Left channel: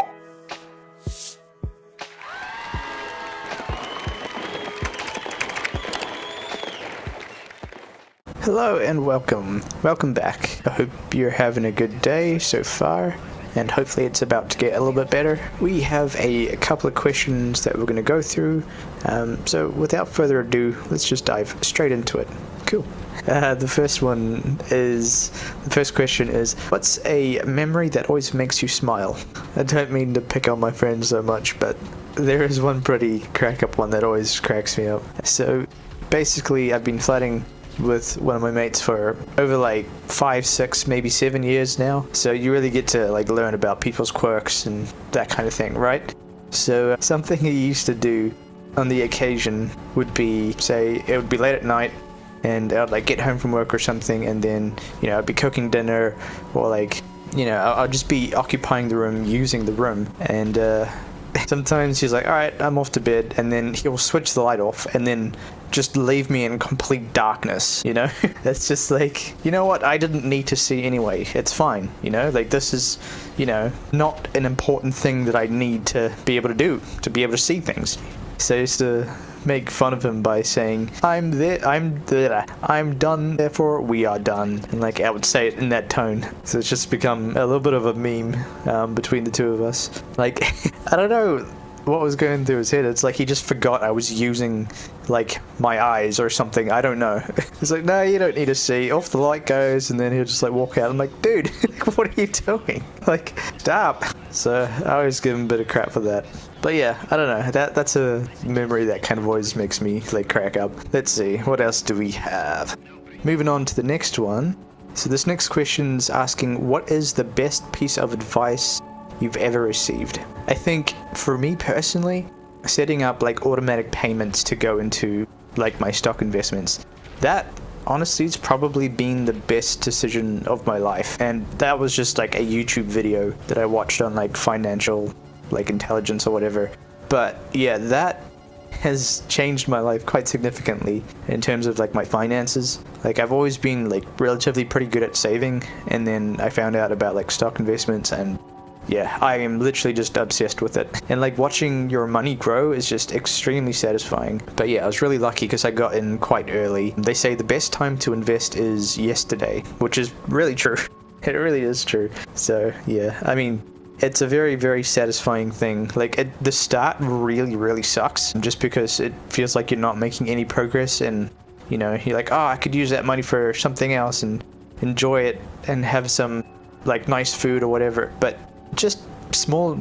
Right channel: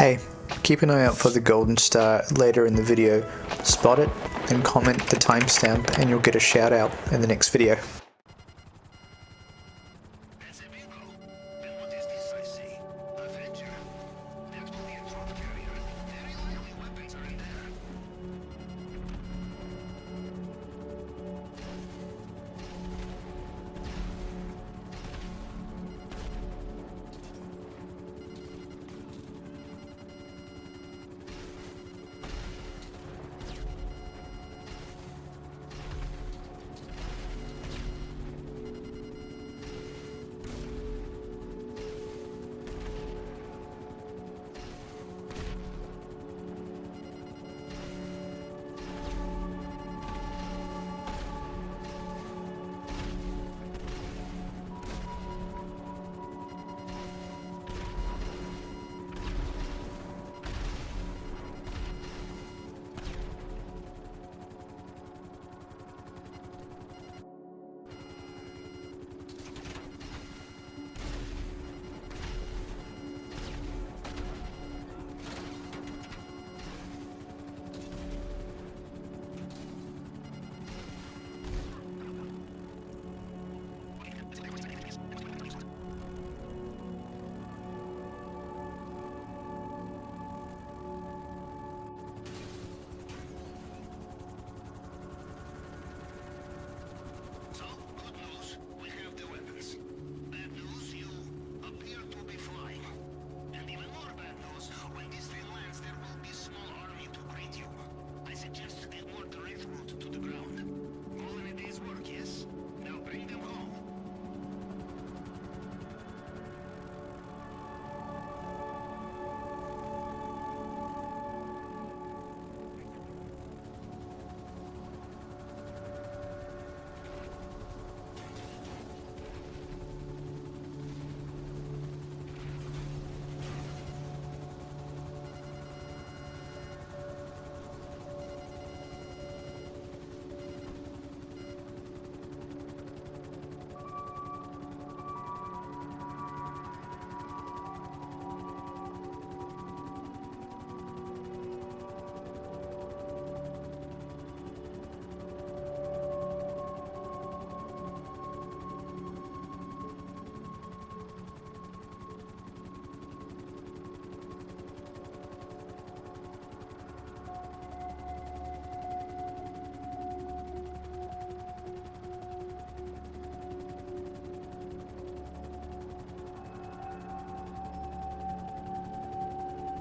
Hey, keep an eye out for the golden star later in the video. Spot it and comment the timestamp and you'll get a shout out in the next video. Hello and welcome. Welcome back. I hope you're having a good day so far and hopefully it's about to get a little bit better. We have a couple of questions that we're going to go through. So without further ado, let's just dive straight into it. Cool. The first question is, what's a memory that always makes you smile? I don't mean to pick on my friends so much, but there is one pretty crack-up one that always cracks me up. So basically, I've been flatting with one of my mates for over like 5, 6, maybe 7 years now. So you really get to like learn about people's quirks and that kind of thing, right? So something he used to do on the occasion would be, say, it would be late at night, and I'd like get home from work or something, and then, you know, I'd be cooking dinner, or like, you know, I'll just be occupying the room, using the room, and sometimes he's like, alright, I'm off to bed, and then he'll switch the light off, and then just leave me in complete darkness, you know? It's just like, you know what, I didn't need to see anyway, it's fine, you know? Like, this is, you know, not an important thing that I need to be able to do, to be able to see things. So I used to make fun of him by saying, I'm done, therefore we are done. And like, I would say it in that tone. So it's just become a little bit of a meme between the two of us. Like, I don't know what was going through his head. It's like he just forgot I was using like my eyes or something. I don't know. He's like, no, you don't need to see. Off the light goes, and then he'll just like walk out. I'm like, dude, what are you doing? Like, stop. So I always give him a bit of crap for that. But yeah, I don't know. That's a memory that kind of always makes me like crack up. Let's see, what else do we have? Moving on to the next one. So this next question's asking, what is the best piece of advice you've ever received? I think for me personally, setting up like automatic payments to go into like my stock investments, that honestly it's probably been the best decision of my life. And that was just like a YouTube video that I watched on like financial like intelligence or whatever. But yeah, that has changed my life quite significantly in terms of like my finances. Like, I've always been like relatively pretty good at saving, and then I found out about like stock investments, and yeah, I am literally just obsessed with it. And like watching your money grow is just extremely satisfying. But yeah, I was really lucky because I got in quite early. They say the best time to invest is yesterday, which is really true. It really is true. So yeah, I mean, it's a very, very satisfying thing. Like, at the start really, really sucks just because it feels like you're not making any progress, and you know, you're like, oh, I could use that money for something else and enjoy it and have some like nice food or whatever. But just small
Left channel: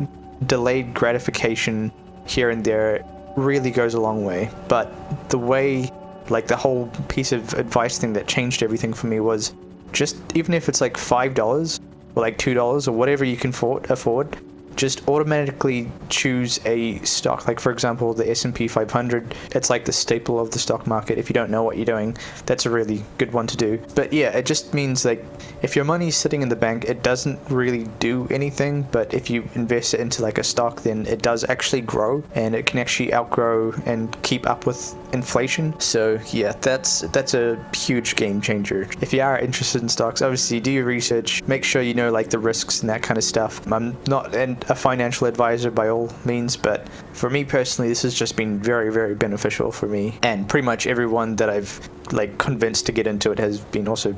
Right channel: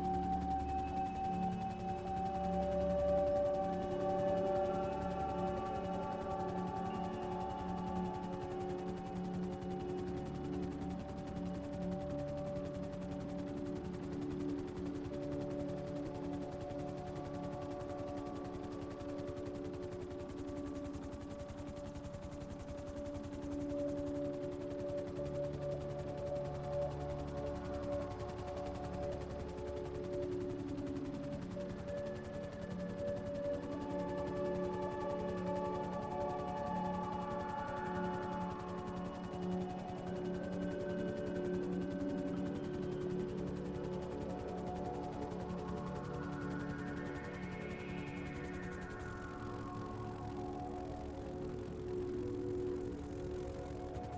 delayed gratification here and there really goes a long way. But the way, like, the whole piece of advice thing that changed everything for me was just, even if it's like $5 or like $2 or whatever you can afford, just automatically choose a stock. Like, for example, the S&P 500, it's like the staple of the stock market. If you don't know what you're doing, that's a really good one to do. But yeah, it just means like, if your money's sitting in the bank, it doesn't really do anything. But if you invest it into like a stock, then it does actually grow, and it can actually outgrow and keep up with inflation. So yeah, that's a huge game changer. If you are interested in stocks, obviously do your research, make sure you know like the risks and that kind of stuff. I'm not a financial advisor by all means, but for me personally, this has just been very, very beneficial for me, and pretty much everyone that I've like convinced to get into it has been also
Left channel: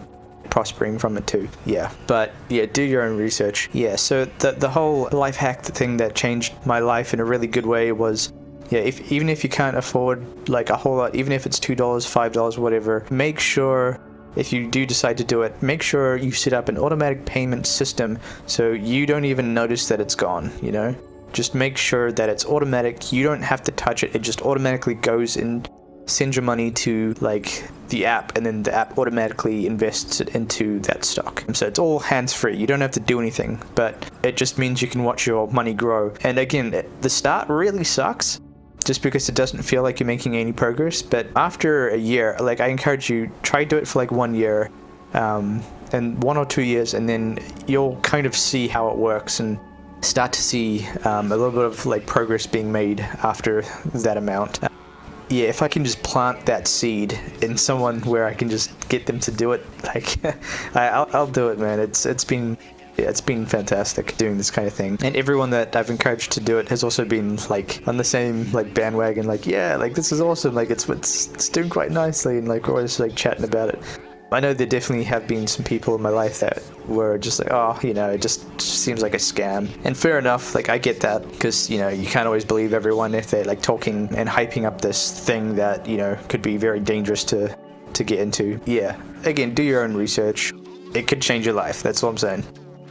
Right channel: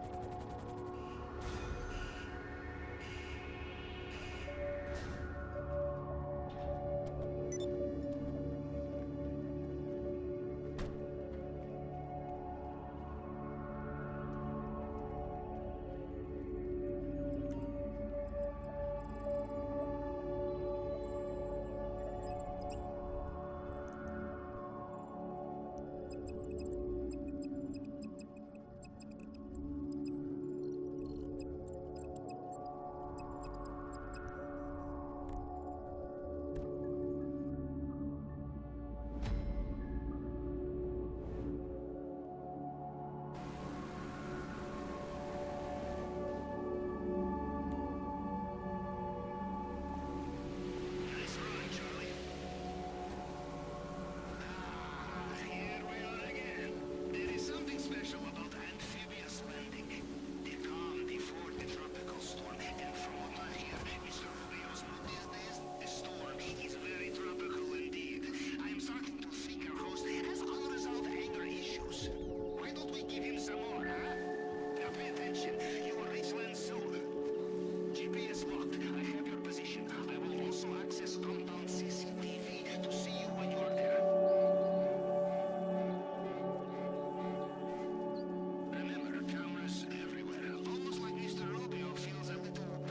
prospering from it too. Yeah, but yeah, do your own research. Yeah, so the whole life hack thing that changed my life in a really good way was, yeah, even if you can't afford like a whole lot, even if it's $2, $5, whatever, make sure, if you do decide to do it, make sure you set up an automatic payment system so you don't even notice that it's gone, you know? Just make sure that it's automatic. You don't have to touch it. It just automatically goes and sends your money to like the app, and then the app automatically invests it into that stock. So it's all hands-free. You don't have to do anything, but it just means you can watch your money grow. And again, the start really sucks, just because it doesn't feel like you're making any progress. But after a year, like, I encourage you, try do it for like 1 year, and 1 or 2 years, and then you'll kind of see how it works and start to see a little bit of like progress being made after that amount. Yeah, if I can just plant that seed in someone where I can just get them to do it, like, I'll do it, man. It's been Yeah, it's been fantastic doing this kind of thing. And everyone that I've encouraged to do it has also been like on the same like bandwagon, like, yeah, like this is awesome, like it's doing quite nicely, and like we're always like chatting about it. I know there definitely have been some people in my life that were just like, oh, you know, it just seems like a scam. And fair enough, like I get that, because, you know, you can't always believe everyone if they're like talking and hyping up this thing that, you know, could be very dangerous to get into. Yeah, again, do your own research. It could change your life, that's what I'm saying.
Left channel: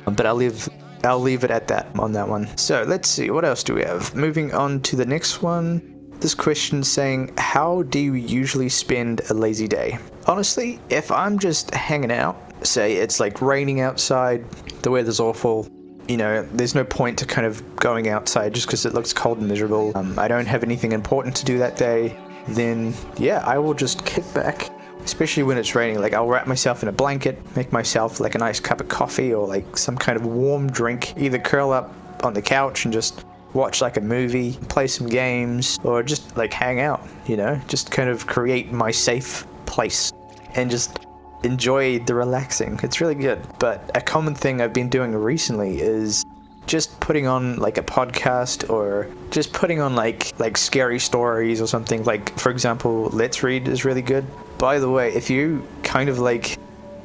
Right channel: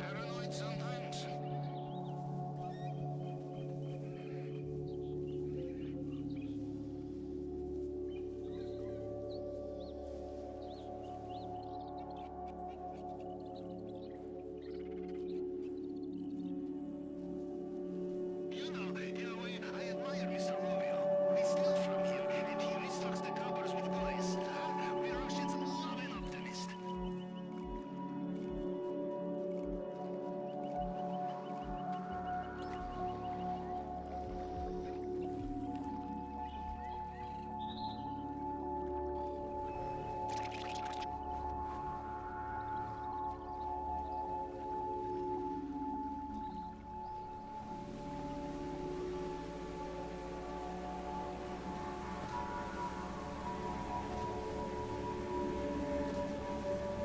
But I'll leave it at that on that one. So let's see, what else do we have? Moving on to the next one. This question saying, how do you usually spend a lazy day? Honestly, if I'm just hanging out, say it's like raining outside, the weather's awful, you know, there's no point to kind of going outside just because it looks cold and miserable. I don't have anything important to do that day, then yeah, I will just kick back, especially when it's raining. Like I'll wrap myself in a blanket, make myself like a nice cup of coffee or like some kind of warm drink, either curl up on the couch and just watch like a movie, play some games, or just like hang out, you know, just kind of create my safe place and just enjoy the relaxing. It's really good. But a common thing I've been doing recently is just putting on like a podcast, or just putting on like scary stories or something. Like for example, Let's Read is really good. By the way, if you kind of like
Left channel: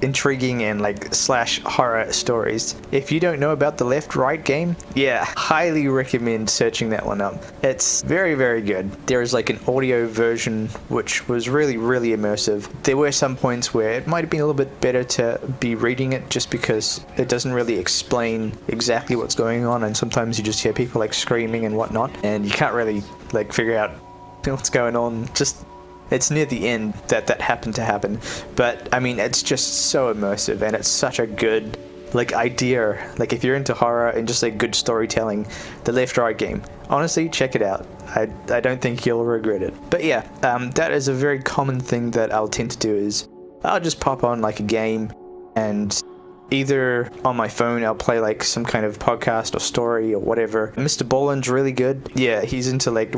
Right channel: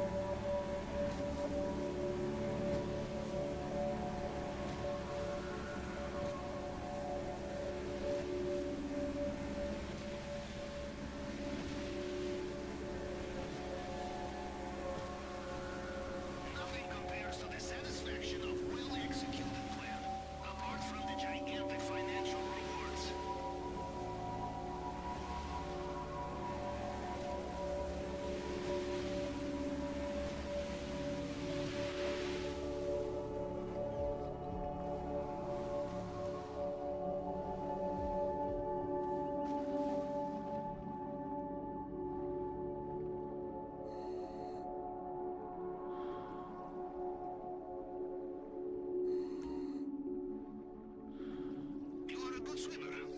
intriguing and like / horror stories, if you don't know about the left-right game, yeah, highly recommend searching that one up. It's very, very good. There is like an audio version which was really, really immersive. There were some points where it might have been a little bit better to be reading it, just because it doesn't really explain exactly what's going on, and sometimes you just hear people like screaming and whatnot, and you can't really like figure out what's going on. Just it's near the end that happened to happen, but I mean, it's just so immersive, and it's such a good like idea. Like if you're into horror and just like good storytelling, the left-right game, honestly, check it out. I don't think you'll regret it. But yeah, that is a very common thing that I'll tend to do, is I'll just pop on like a game, and either on my phone I'll play like some kind of podcast or story or whatever. Mr. Boland's really good. Yeah, he's into like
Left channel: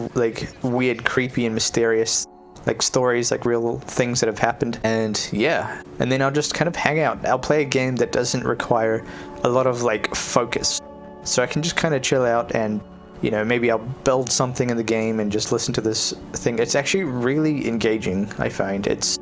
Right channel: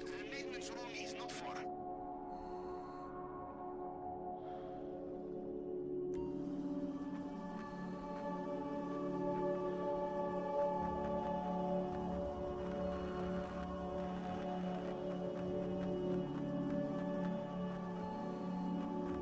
weird, creepy and mysterious like stories, like real things that have happened. And yeah, and then I'll just kind of hang out. I'll play a game that doesn't require a lot of like focus, so I can just kind of chill out, and you know, maybe I'll build something in the game and just listen to this thing. It's actually really engaging, I find. It's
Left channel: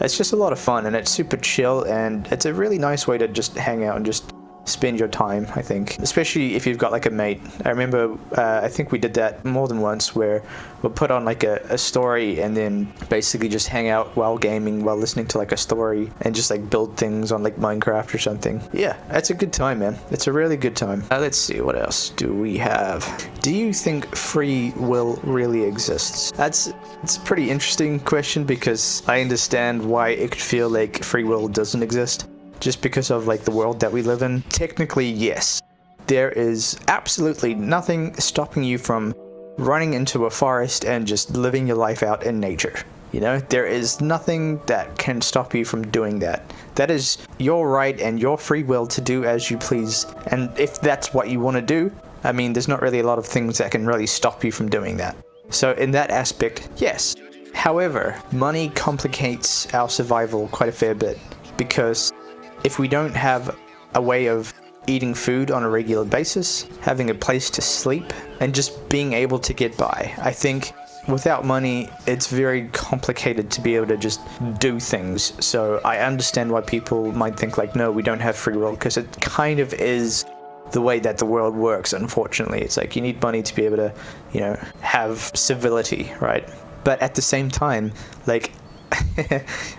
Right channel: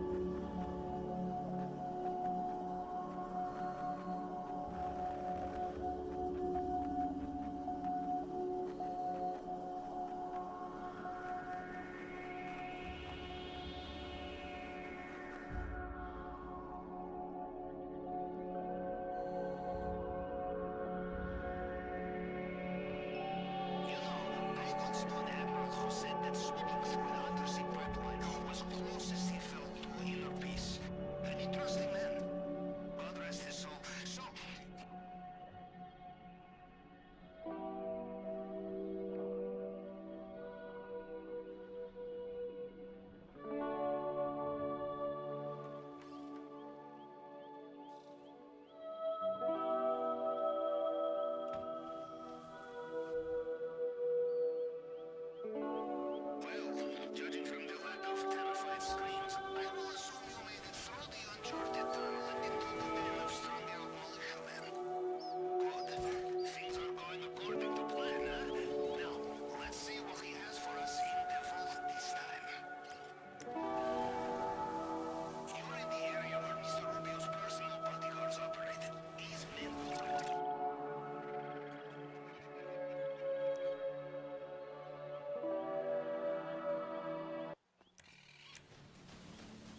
just a lot of fun, and it's super chill, and it's a really nice way to just hang out and just spend your time, I think, especially if you've got like a mate. I remember I think we did that more than once, where we'll put on like a story and then basically just hang out while gaming, while listening to like a story, and just like build things on like Minecraft or something. Yeah, it's a good time, man. It's a really good time. Let's see, what else do we have? Do you think free will really exists? It's a pretty interesting question, because I understand why it could feel like free will doesn't exist, just because of like the world that we live in. Technically, yes. There is absolutely nothing stopping you from running into a forest and just living your life out in nature. You know, there is nothing that can stop you from doing that. That is your right and your free will to do as you please. And if that's what you want to do, I mean, there's not really a lot of things that can really stop you from doing that. So in that aspect, yes. However, money complicates our survival quite a fair bit, because if we don't have a way of eating food on a regular basis, having a place to sleep, and just being able to get by, I think without money, it's very complicated to be able to just do things. So I understand why people might think like, no, we don't have free will, because it kind of is the way that the world works, unfortunately. It's like you need money to be able to, you know, have civility, right? But at the same time, like,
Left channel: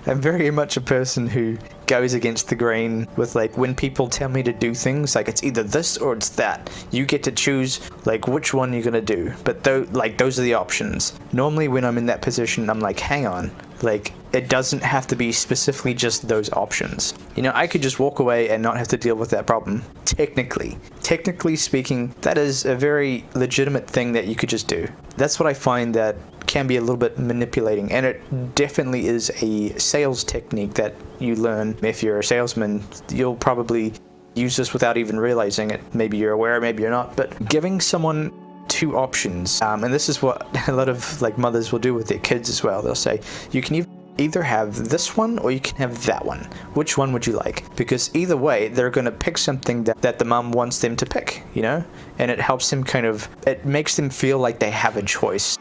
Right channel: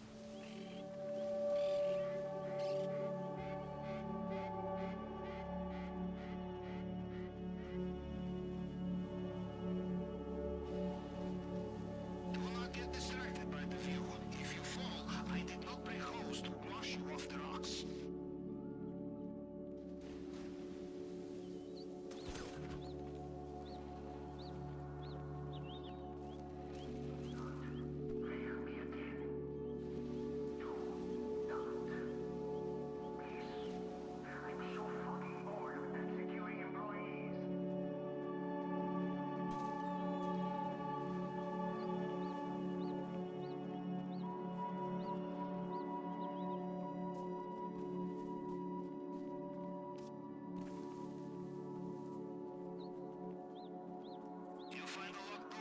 I'm very much a person who goes against the grain with like, when people tell me to do things, like it's either this or it's that. You get to choose like which one you're gonna do. But those are the options. Normally when I'm in that position, I'm like, hang on, like it doesn't have to be specifically just those options. You know, I could just walk away and not have to deal with that problem. Technically speaking, that is a very legitimate thing that you could just do. That's what I find that can be a little bit manipulating, and it definitely is a sales technique that you learn. If you're a salesman, you'll probably use this without even realizing it. Maybe you're aware, maybe you're not, but giving someone two options, and this is what a lot of like mothers will do with their kids as well. They'll say, you can either have this one or you can have that one. Which one would you like? Because either way, they're going to pick something that the mom wants them to pick, you know? And it helps them it makes them feel like they have a choice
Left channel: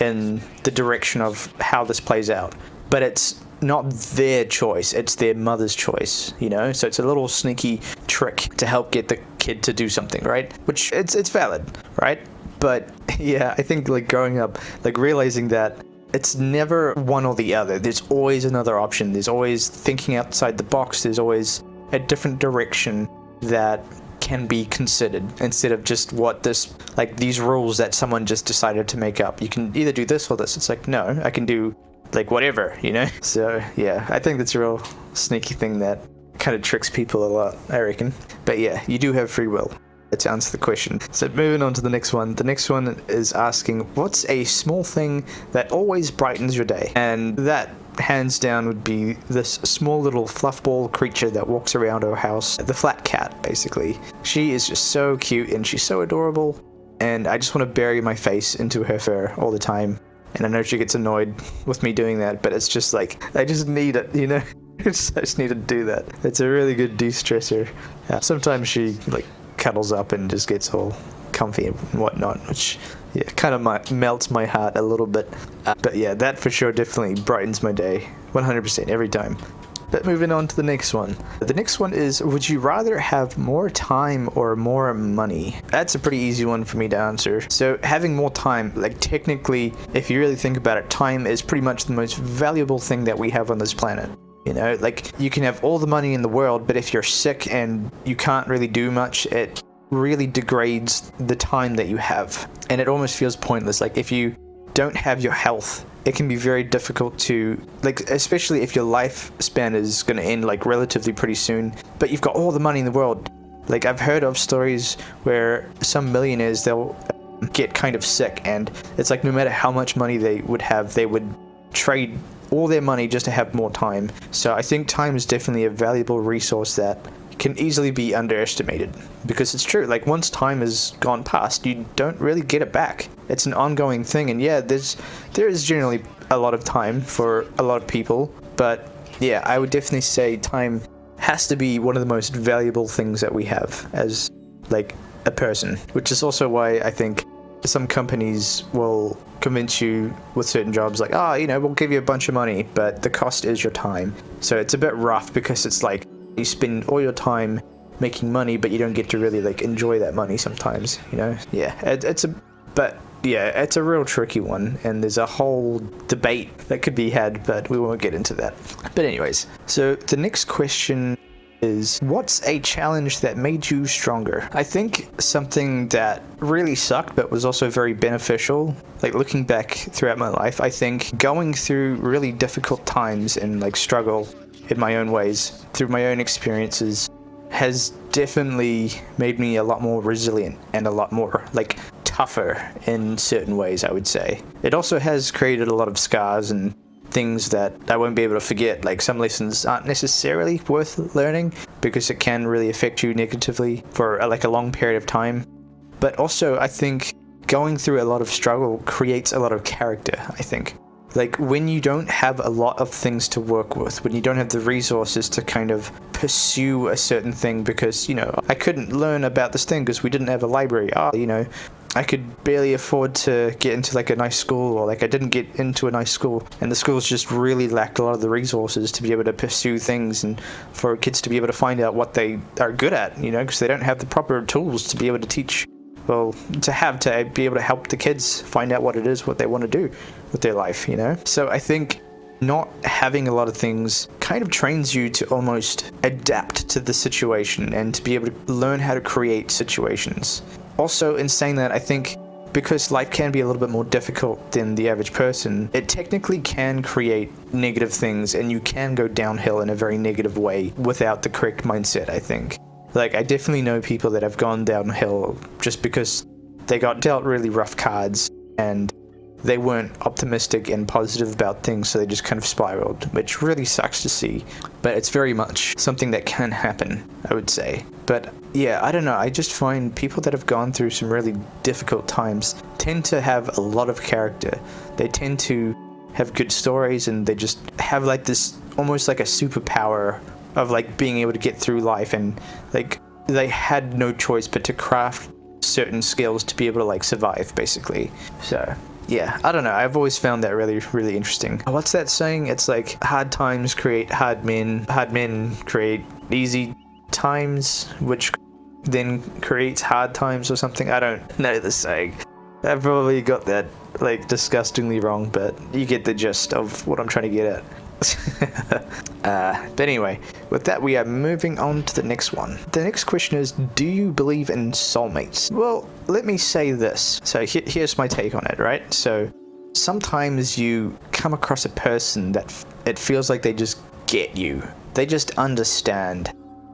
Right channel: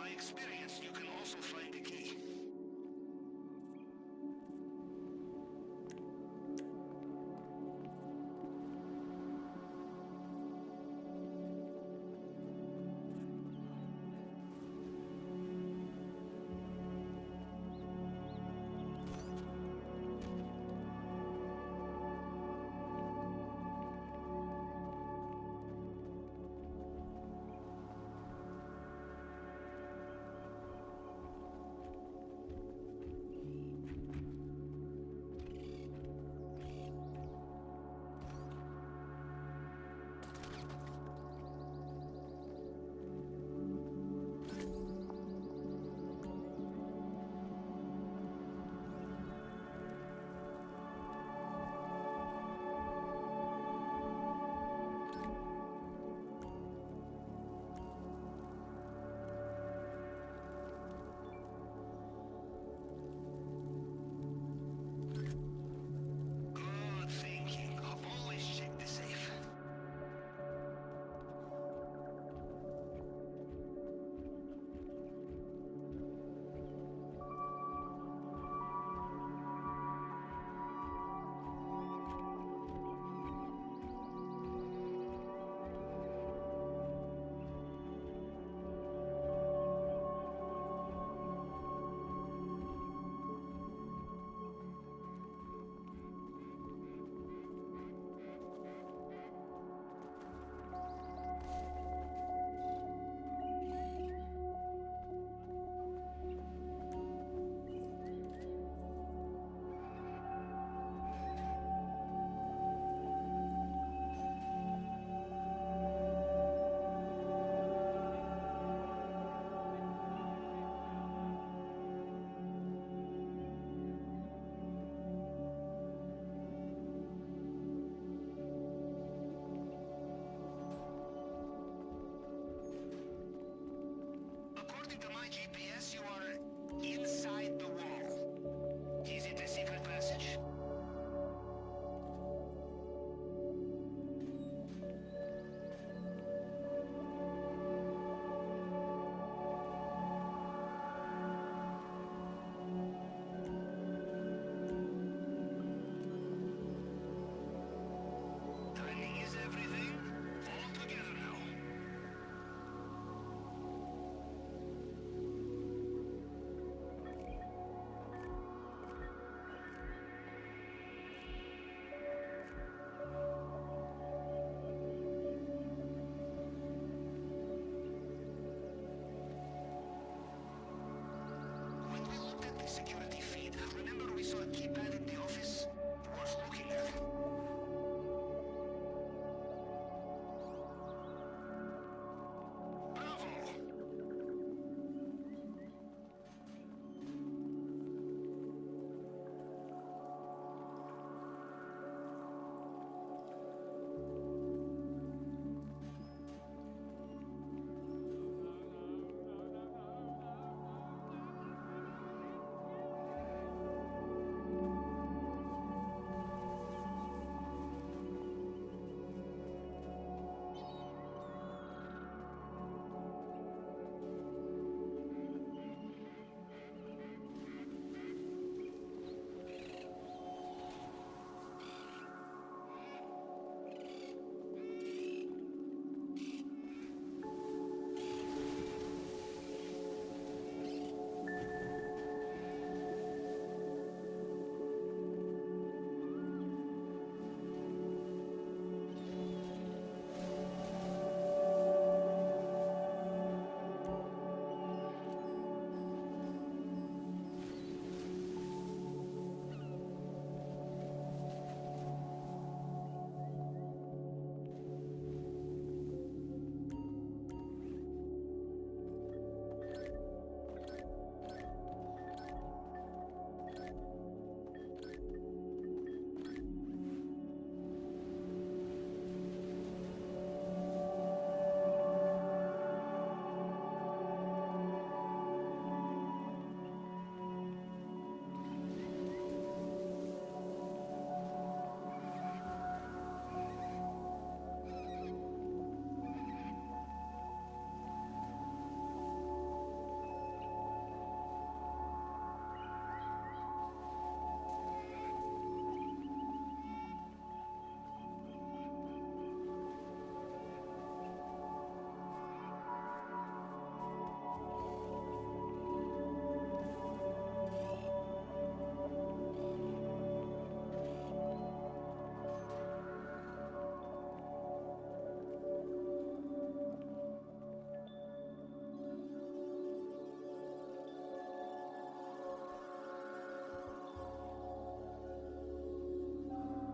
in the direction of how this plays out. But it's not their choice, it's their mother's choice, you know? So it's a little sneaky trick to help get the kid to do something, right? Which it's valid, right? But yeah, I think like growing up, like realizing that it's never one or the other. There's always another option. There's always thinking outside the box. There's always a different direction that can be considered instead of just these rules that someone just decided to make up. You can either do this or this. It's like, no, I can do like whatever, you know? So yeah, I think that's a real sneaky thing that kind of tricks people a lot, I reckon. But yeah, you do have free will. To answer the question. So moving on to the next one. The next one is asking, what's a small thing that always brightens your day? And that hands down would be this small little fluffball creature that walks around our house, the flat cat, basically. She is just so cute and she's so adorable, and I just want to bury my face into her fur all the time. And I know she gets annoyed with me doing that, but it's just like, I just need it, you know? I just need to do that. It's a really good de-stressor. Sometimes she cuddles up and just gets all comfy and whatnot, which kind of melts my heart a little bit. But yeah, that for sure definitely brightens my day 100% every time. But moving on to the next one. The next one is, would you rather have more time or more money? That's a pretty easy one for me to answer. So having more time, like technically, if you really think about it, time is pretty much the most valuable thing that we have on this planet. You know, like you can have all the money in the world, but if you're sick and you can't really do much, it really degrades the time that you have. And it almost feels pointless. Like if you don't have your health, it can be very difficult to, especially if your lifespan is going to end relatively pretty soon, but you've got all the money in the world. Like I've heard of stories where some millionaires, they'll get kind of sick, and it's like no matter how much money they would have, they would trade all their money just to have more time. So I think time is definitely a valuable resource that can easily be underestimated, because it's true, like once time has gone past, you don't really get it back. It's an ongoing thing, and yeah, there is generally a lot of time for a lot of people, but yeah, I would definitely say time has to be one of the most valuable things that we have as a person, which is also why I think some companies will convince you with certain jobs we'll give you a bunch of money, but the cost is your time. So it's a bit rough, because it's like you spend all your time making money, but you don't get to really enjoy that money sometimes, you know? Yeah, it's a real tricky one, and there's a whole debate that could be had, but we won't get into that. But anyways, so the next question is, what's a challenge that made you stronger? I think something that really sucked but was also very beneficial, looking back throughout my life, I think going through really difficult times and struggle in my own ways through my own experiences has definitely made me a lot more resilient and a lot more tougher in certain ways, I would say. It also has created a lot of scars and things that I won't be able to forget. Some lessons aren't necessarily worth learning, because it can really affect you negatively for a long period of time. But also I think going through a lot of struggle creates a lot of character, I think. When you don't have a lot of things to work with, when you don't have the resources to kind of pursue a certain thing, because, I couldn't learn about this thing because we didn't have a library. I could barely afford to get into a nice school, or I didn't get into a nice school, and the schools just really lacked a lot of the resources to be able to pursue things and for kids to be able to find out what they are good at, because they don't have the proper tools to be able to teach, to be able to help the kids find out what it is, what they want to do with their life, So I think not having a lot of things kind of trains you to almost adapt to the situation and to be able to learn how to create situations. Also, in saying that, I think because life can be a little bit more difficult than the average person, it technically can create negative things, and you can go downhill in a very negative way without the correct mindset, I think. I definitely know people that have gone downhill just because they got dealt really rough cards and they weren't optimistic and positive about things, so they just kind of spiraled, which really sucks to see. But it's very much something that can happen, I would say. But yeah, I don't know, I just find people that have gone through some really difficult times tend to have a lot of character. They tend to have good stories, and they just have like this almost like a superpower of like being able to get through life, and like they had no choice but to craft certain skills to be able to like survive, basically. So yeah, I don't know, I've always found that really, really interesting. What's that saying? It's like hard times create hard men create easy times, which then creates hard times or something. I don't know the saying. I've probably got that like disgustingly wrong, but you get the gist of what I'm trying to get at. But anyway, with that, we are moving on to the next one. The next question is, do you believe in soulmates? Well, let me say this. So here's my take on it, right? So sometimes you come across a person that it feels like they just get you. They just understand.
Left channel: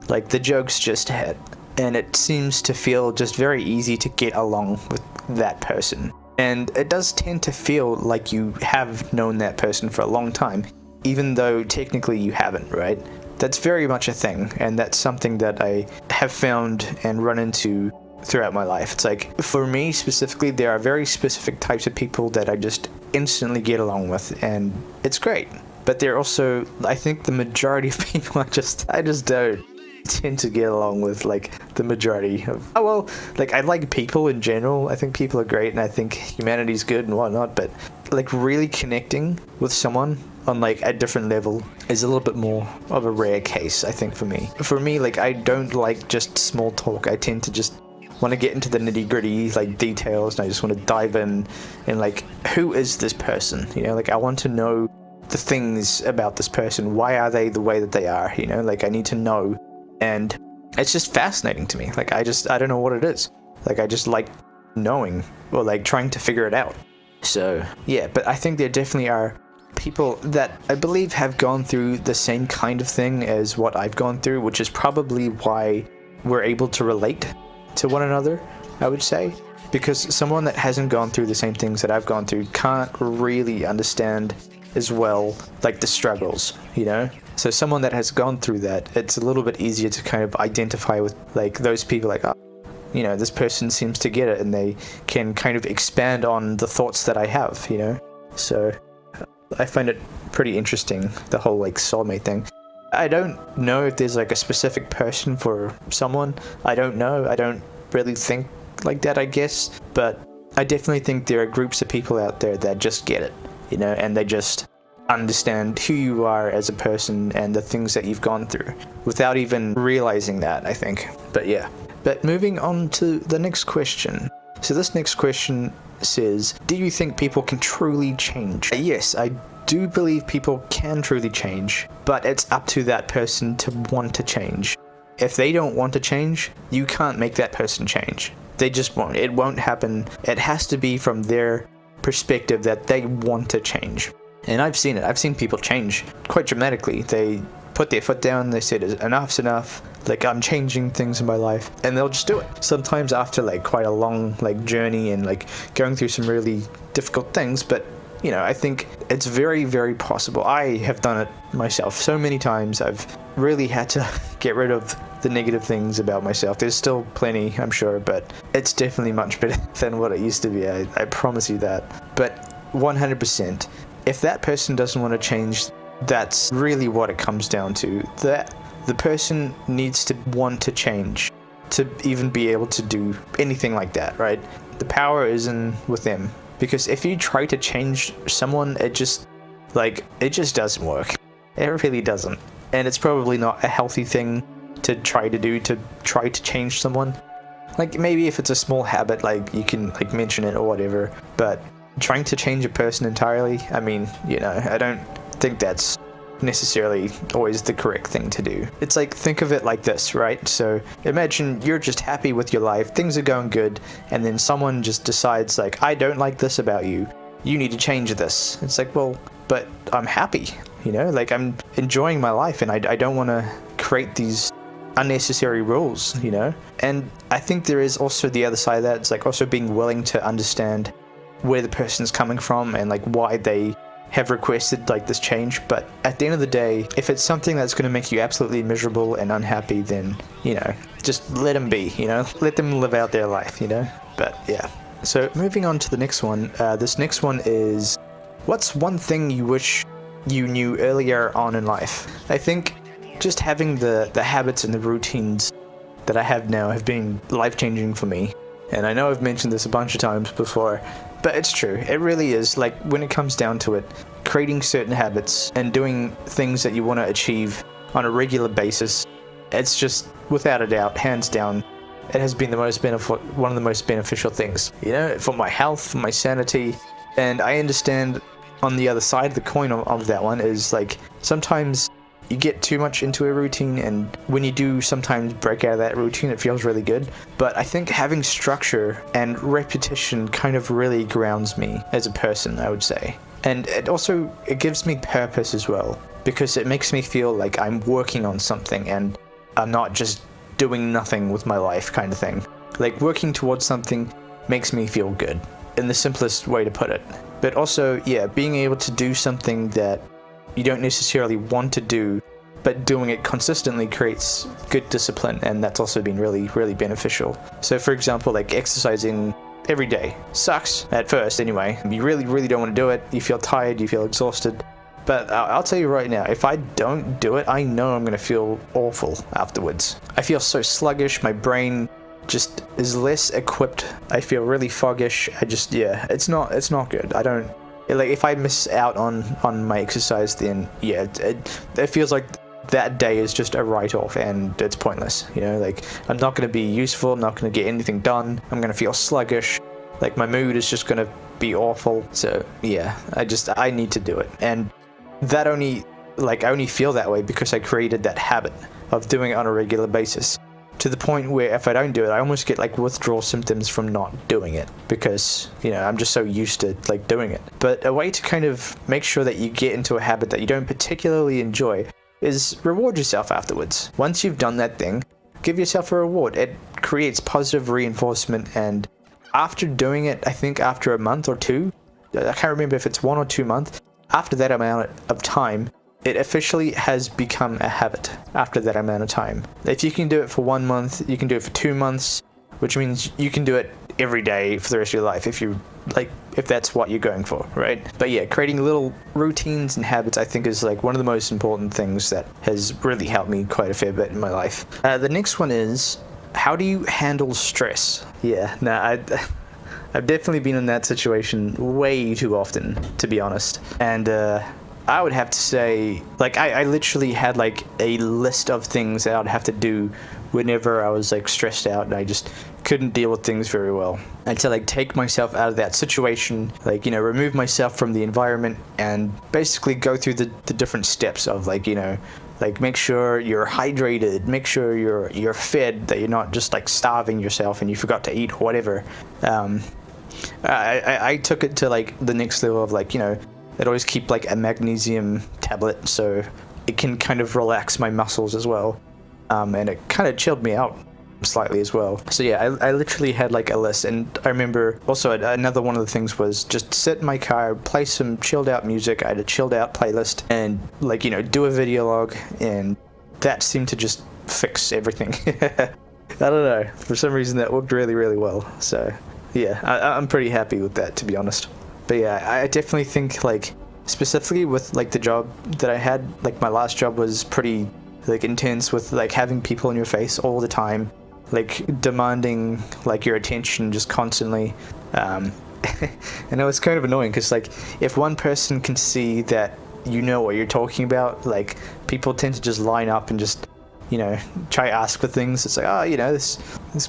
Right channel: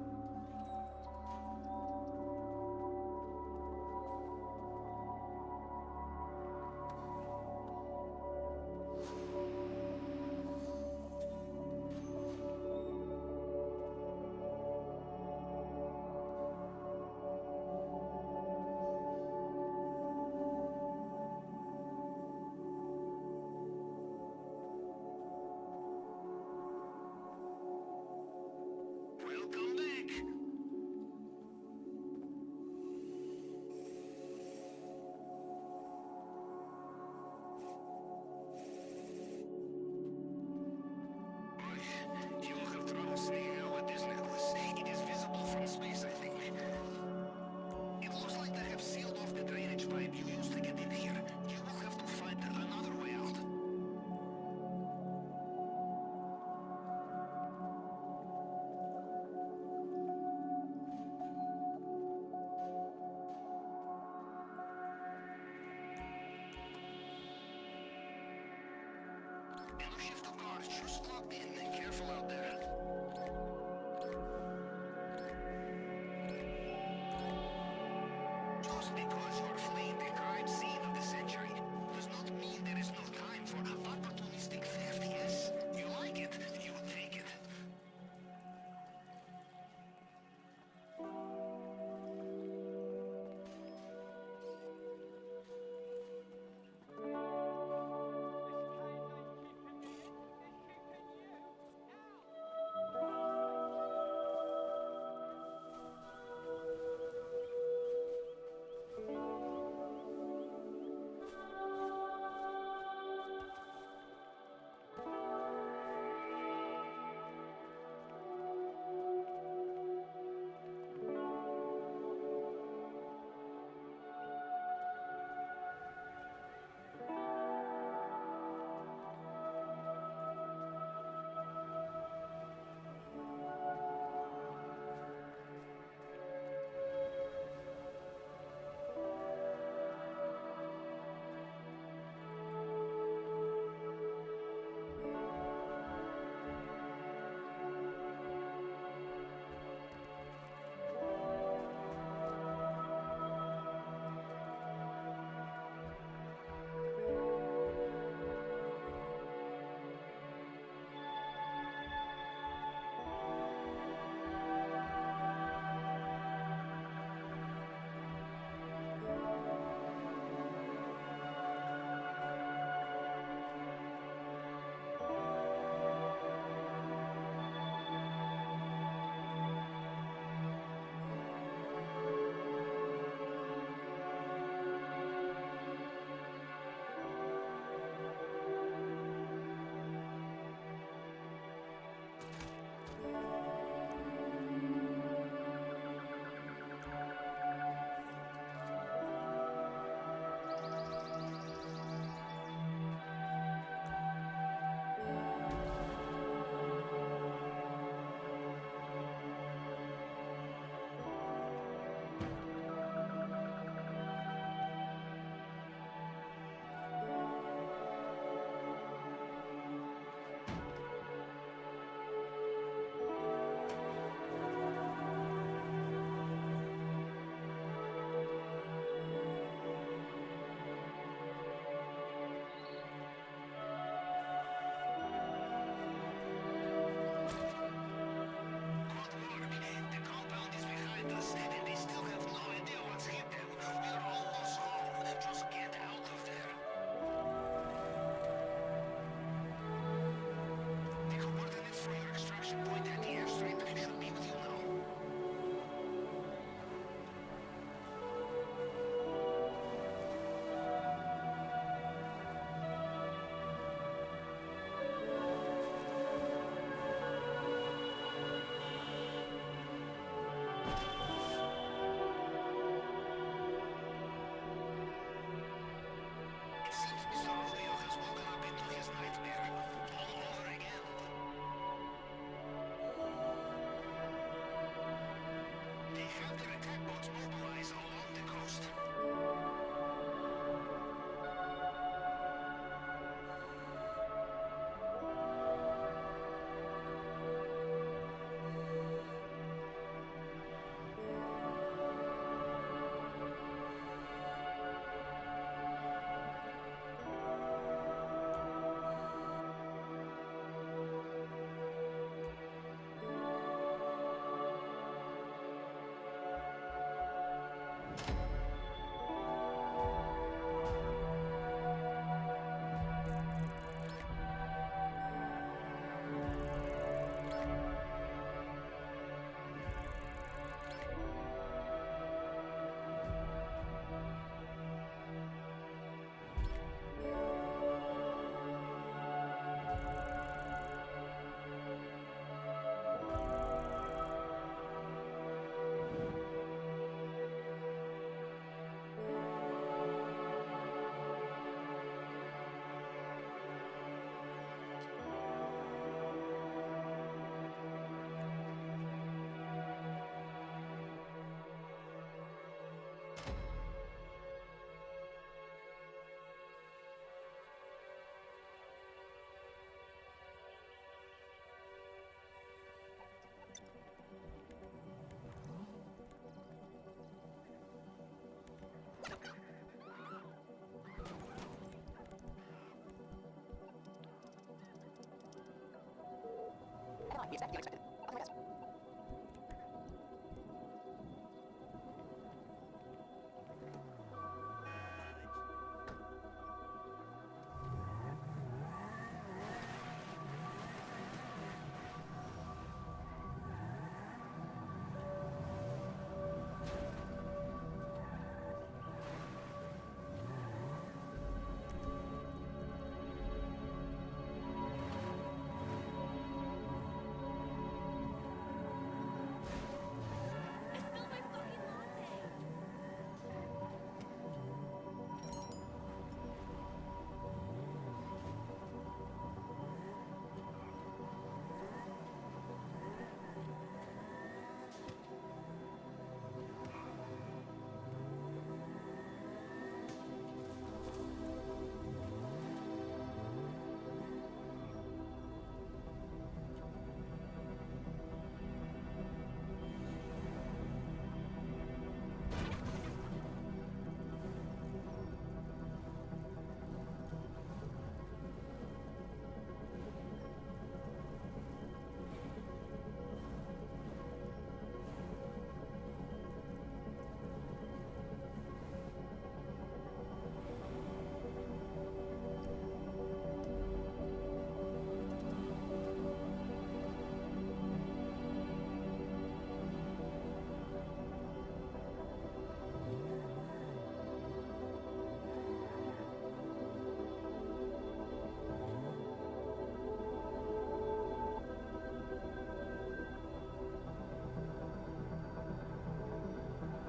Like the jokes just hit. And it seems to feel just very easy to get along with that person. And it does tend to feel like you have known that person for a long time, even though technically you haven't, right? That's very much a thing, and that's something that I have found and run into throughout my life. It's like, for me specifically, there are very specific types of people that I just instantly get along with, and it's great. But there are also, I think the majority of people I just don't tend to get along with, like the majority of, like I like people in general. I think people are great, and I think humanity's good and whatnot, but like really connecting with someone on like a different level is a little bit more of a rare case, I think, for me. Like I don't like just small talk. I tend to just want to get into the nitty-gritty like details, and I just want to dive in and like, who is this person, you know? Like I want to know the things about this person. Why are they the way that they are, you know? Like I need to know. And it's just fascinating to me. Like I don't know what it is. Like I just like knowing, or like trying to figure it out. So yeah, but I think there definitely are people that I believe have gone through the same kind of thing as what I've gone through, which is probably why we're able to relate to one another, I would say. Because someone that hasn't gone through the same things that I've gone through can't really understand as well like the struggles, you know? So someone that has gone through that, it's a little bit easier to kind of identify with like those people, like, oh, you know, this person seems to get it, and they can kind of expand on the thoughts that I have, you know? So I find it pretty interesting, the whole like soulmate thing. I don't know if there's like a specific person for someone. I don't know. I don't really think like that, I guess. But I definitely think there are groups of people out there that just get it, you know, and they just understand who you are as a person and the things that you've gone through without even realizing that, I think. But yeah. But moving on to the next question. So this next question says, do you think people can truly change? Yes, I do believe people can truly change, but it's up to that person to want to change. If they don't want to change, you can't make that person change. They just won't. It won't happen. It has to be from their perspective that they want to change. And I've seen it. I've seen people change quite dramatically. They put their foot down, they said enough's enough, like I'm changing things in my life, and they'll just do it. Sometimes after like quite a long like journey and like going through some really difficult things, but you know, I think it's very, very possible. I have done it myself so many times. I've really had to get rid of the negative things about myself. There's still plenty, I'm sure, but it's definitely much better than what it used to be. I promise you that. But 100%, if that person doesn't want to change, that's really what it comes down to. That the person needs to want to change to even be able to do anything like that, right? The power is in with them. Because if you try to change someone, it just doesn't work. It really doesn't. And it's probably not a healthy thing to try to do, to try to change someone. Like maybe if it's a small habit, like you can like mention it or whatever, but trying to change a person entirely, I mean, you know, I don't think that's necessarily always the correct thing to do. It's like, think of it like this, right? So imagine you're just happy with your life, things are going good, and then someone just decides like, I don't like this about you, you need to change this. It's like, well, but I'm happy, you know, like I'm enjoying my life, and I don't want to create these unnecessary rules, you know? And I think there is also the other side of that. It's like also being willing to understand where the person's coming from and like why they have requested like this change. But at the end of the day, if it's something that's going to make you absolutely miserable and unhappy, then, you know, just let them be, you know, let them live out their life, you know. But yeah, so moving on to the next one. This next one is, what's one thing you wish you knew earlier on in life? I think just having the habits and the routines that I have now have been life-changing for me. And I know I've mentioned this a bunch of times before, but it's true. It really is. Like, when it comes down to it, creating certain habits and doing things that you want to achieve on a regular basis, it's just, without a doubt, hands down, it has been one of the most beneficial things, you know, for my health, for my sanity. And I understand on the other side of the coin of that one is, like, sometimes you get too much into a routine, and when you do sometimes break out of that routine, it feels really good. But I think having structure and repetition kind of really grounds me as a person, I would say. And it gives me purpose as well, because it makes me feel like I'm working on something and I'm not just doing nothing with my life kind of thing. Like, working towards something makes me feel good, in the simplest way to put it. But also, yeah, being able to do something that you don't necessarily want to do, but doing it consistently creates good discipline, and that's also been really, really beneficial. So for example, like exercising every day sucks at first anyway. You really, really don't want to do it. You feel tired, you feel exhausted. But I'll tell you right now, if I don't do it, I know I'm going to feel awful afterwards. I feel so sluggish, my brain just is less equipped. I feel really foggish. It's not good. I don't, like, if I miss out on my exercise, then yeah, it feels like that day is just a write-off and it's pointless, you know. Like, I'm not going to be useful, I'm not going to get anything done, I'm going to feel sluggish, like my mood is just going to be awful. So yeah, I need to do it. And that I only feel that way because I created that habit of doing it on a regular basis, to the point where if I don't do it, I almost get like withdrawal symptoms from not doing it, because, you know, I'm just so used to like doing it. But a way to kind of make sure that you get into a habit that you don't particularly enjoy is reward yourself afterwards. Once you've done that thing, give yourself a reward. It creates positive reinforcement, and after doing it, I think after a month or two, I can't remember if it's 1 or 2 months, after that amount of time, it officially has become a habit after that amount of time. If you can do it for 1 month, you can do it for 2 months, which means you can do it every day for the rest of your life if that's what you're going for, right? But yeah, creating little routines and habits, I think, is like one of the most important things that has really helped me quite a fair bit in my life. The next one is, how do you handle stress? Yeah, I've definitely been in that situation way too often, to be honest. And I would have to say, like, I literally had like a list of things that I'd have to do whenever I was like stressed out and I just couldn't deal with things very well. I had to like take myself out of that situation, like, you know, remove myself from the environment and basically go through the different steps of, like, you know, like, make sure you're hydrated, make sure you're fed, that you're not just like starving yourself and you forgot to eat or whatever. I took it to like the next level of, like, you know, I'd always keep like a magnesium tablet so it can kind of relax my muscles as well. And it kind of chilled me out slightly as well. So yeah, I literally had like a list. And I remember also another one of the things was just sit in my car, play some chilled out music. I had a chilled out playlist, and, like, you know, do a video log, and that seemed to just fix everything. I don't know, for some reason that worked really, really well. So yeah, I'm pretty happy with that, to be honest. But yeah, I definitely think, like, specifically with like the job that I had, like my last job was pretty like intense, with like having people in your face all the time, like demanding like your attention just constantly. And it was kind of annoying because, like, if one person can see that you know what you're talking about, like, people tend to just line up and just, you know, try to ask for things. It's like, oh, you know, this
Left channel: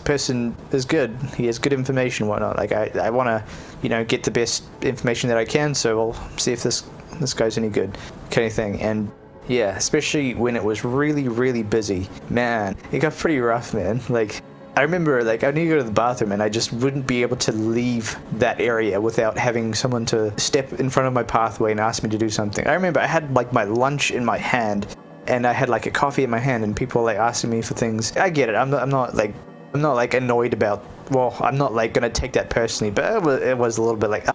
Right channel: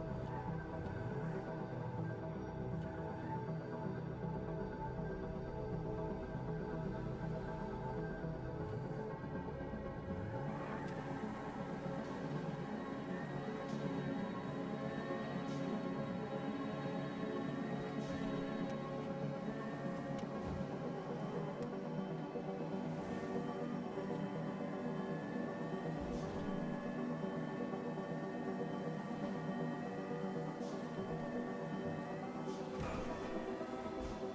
person is good, he has good information, whatnot. Like, I want to, you know, get the best information that I can, so I'll see if this guy's any good, kind of thing. And yeah, especially when it was really, really busy, man, it got pretty rough, man. Like, I remember, like, I need to go to the bathroom and I just wouldn't be able to leave that area without having someone to step in front of my pathway and ask me to do something. I remember I had like my lunch in my hand and I had like a coffee in my hand and people like asking me for things. I get it. I'm not like annoyed about, well, I'm not like gonna take that personally, but it was a little bit like,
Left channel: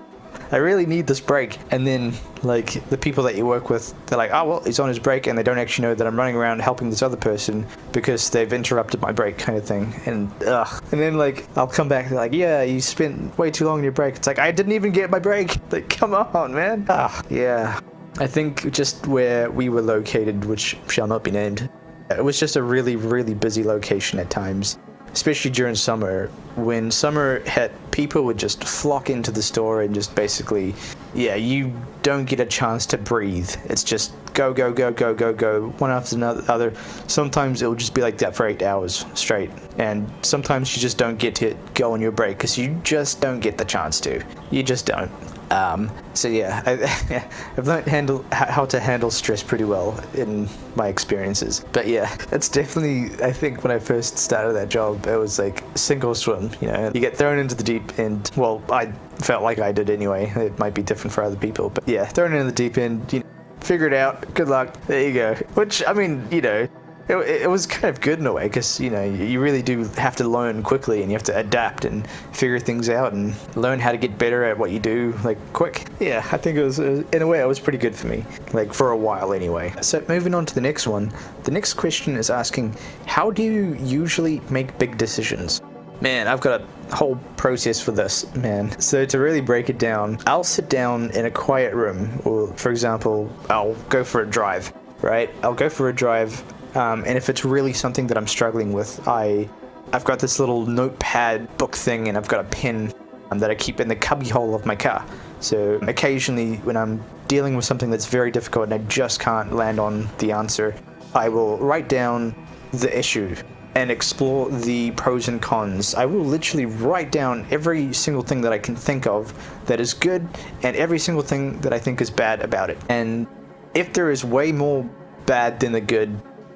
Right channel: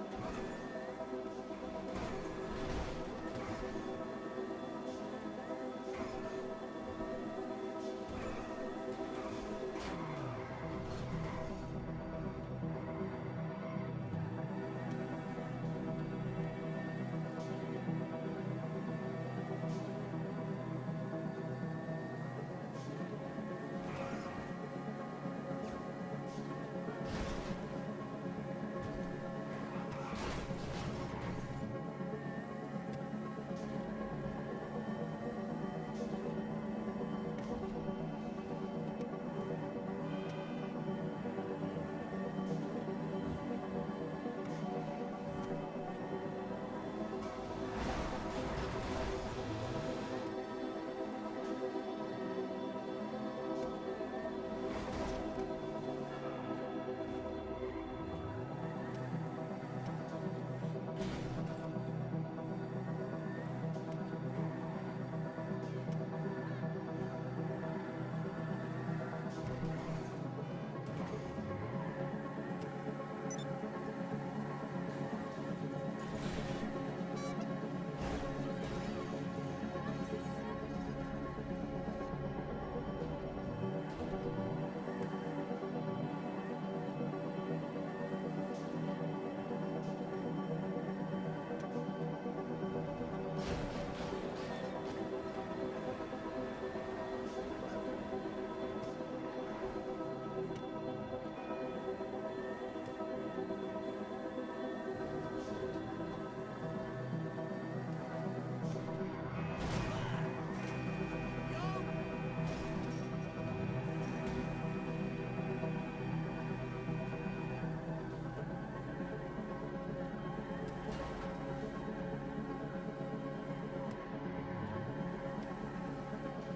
I really need this break. And then like the people that you work with, they're like, oh well, he's on his break, and they don't actually know that I'm running around helping this other person because they've interrupted my break, kind of thing. And and then like I'll come back and they're like, yeah, you spent way too long on your break. It's like, I didn't even get my break. Like, come on, man. Yeah. I think just where we were located, which shall not be named, it was just a really, really busy location at times, especially during summer. When summer hit, people would just flock into the store and just basically, yeah, you don't get a chance to breathe. It's just go, go, go, go, go, go, one after another. Sometimes it will just be like that for 8 hours straight. And sometimes you just don't get to go on your break because you just don't get the chance to. You just don't. So yeah, I've learned how to handle stress pretty well in my experiences. But yeah, it's definitely, I think when I first started that job, it was like sink or swim, you know. You get thrown into the deep end. Well, I felt like I did anyway. It might be different for other people, but yeah, thrown into the deep end, you know, figure it out, good luck, there you go. Which, I mean, you know, it was kind of good in a way, because, you know, you really do have to learn quickly, and you have to adapt and figure things out and learn how to get better at what you do, like, quick. Yeah, I think it was in a way, it was pretty good for me, like, for a while anyway. So moving on to the next one, the next question is asking, how do you usually make big decisions? Man, I've got a whole process for this, man. So to really break it down, I'll sit down in a quiet room, or for example, I'll go for a drive, right? I'll go for a drive. And if it's really something that I'm struggling with, I've got this little notepad book thing, and I've got a pen that I keep in the cubbyhole of my car. So occasionally when I'm dealing with something that's very difficult and I just can't land on the answer, I will write down the issue and explore the pros and cons. I will literally write down every single thing that I can think of that is good and every single thing that I think is bad about it. And if there is way more bad than the good,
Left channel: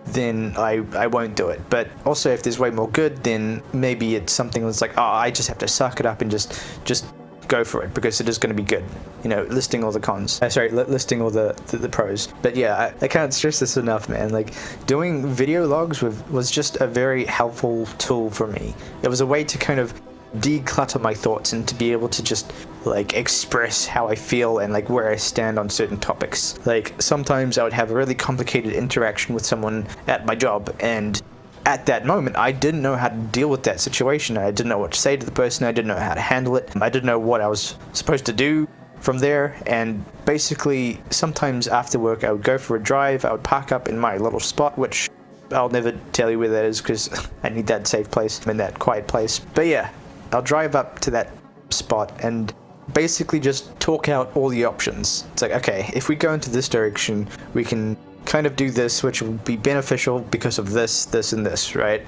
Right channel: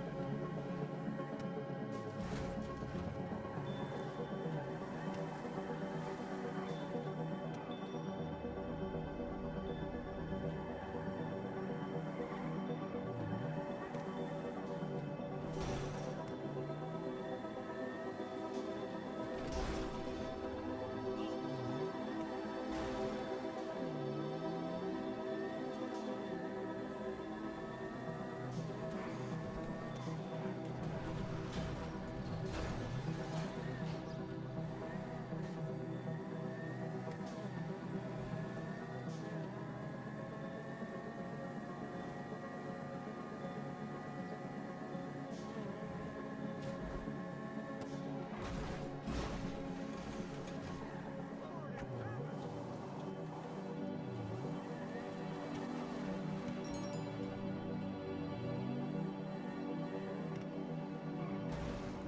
then I won't do it. But also if there's way more good, then maybe it's something that's like, oh, I just have to suck it up and just go for it because it is going to be good, you know, listing all the cons, listing all the pros. But yeah, I can't stress this enough, man. Like, doing video logs was just a very helpful tool for me. It was a way to kind of declutter my thoughts and to be able to just like express how I feel and like where I stand on certain topics. Like, sometimes I would have a really complicated interaction with someone at my job, and at that moment I didn't know how to deal with that situation. I didn't know what to say to the person. I didn't know how to handle it. I didn't know what I was supposed to do from there. And basically sometimes after work I would go for a drive. I would park up in my little spot, which I'll never tell you where that is because I need that safe place. I'm in that quiet place. But yeah, I'll drive up to that spot and basically just talk out all the options. It's like, okay, if we go into this direction, we can kind of do this, which will be beneficial because of this, this, and this, right?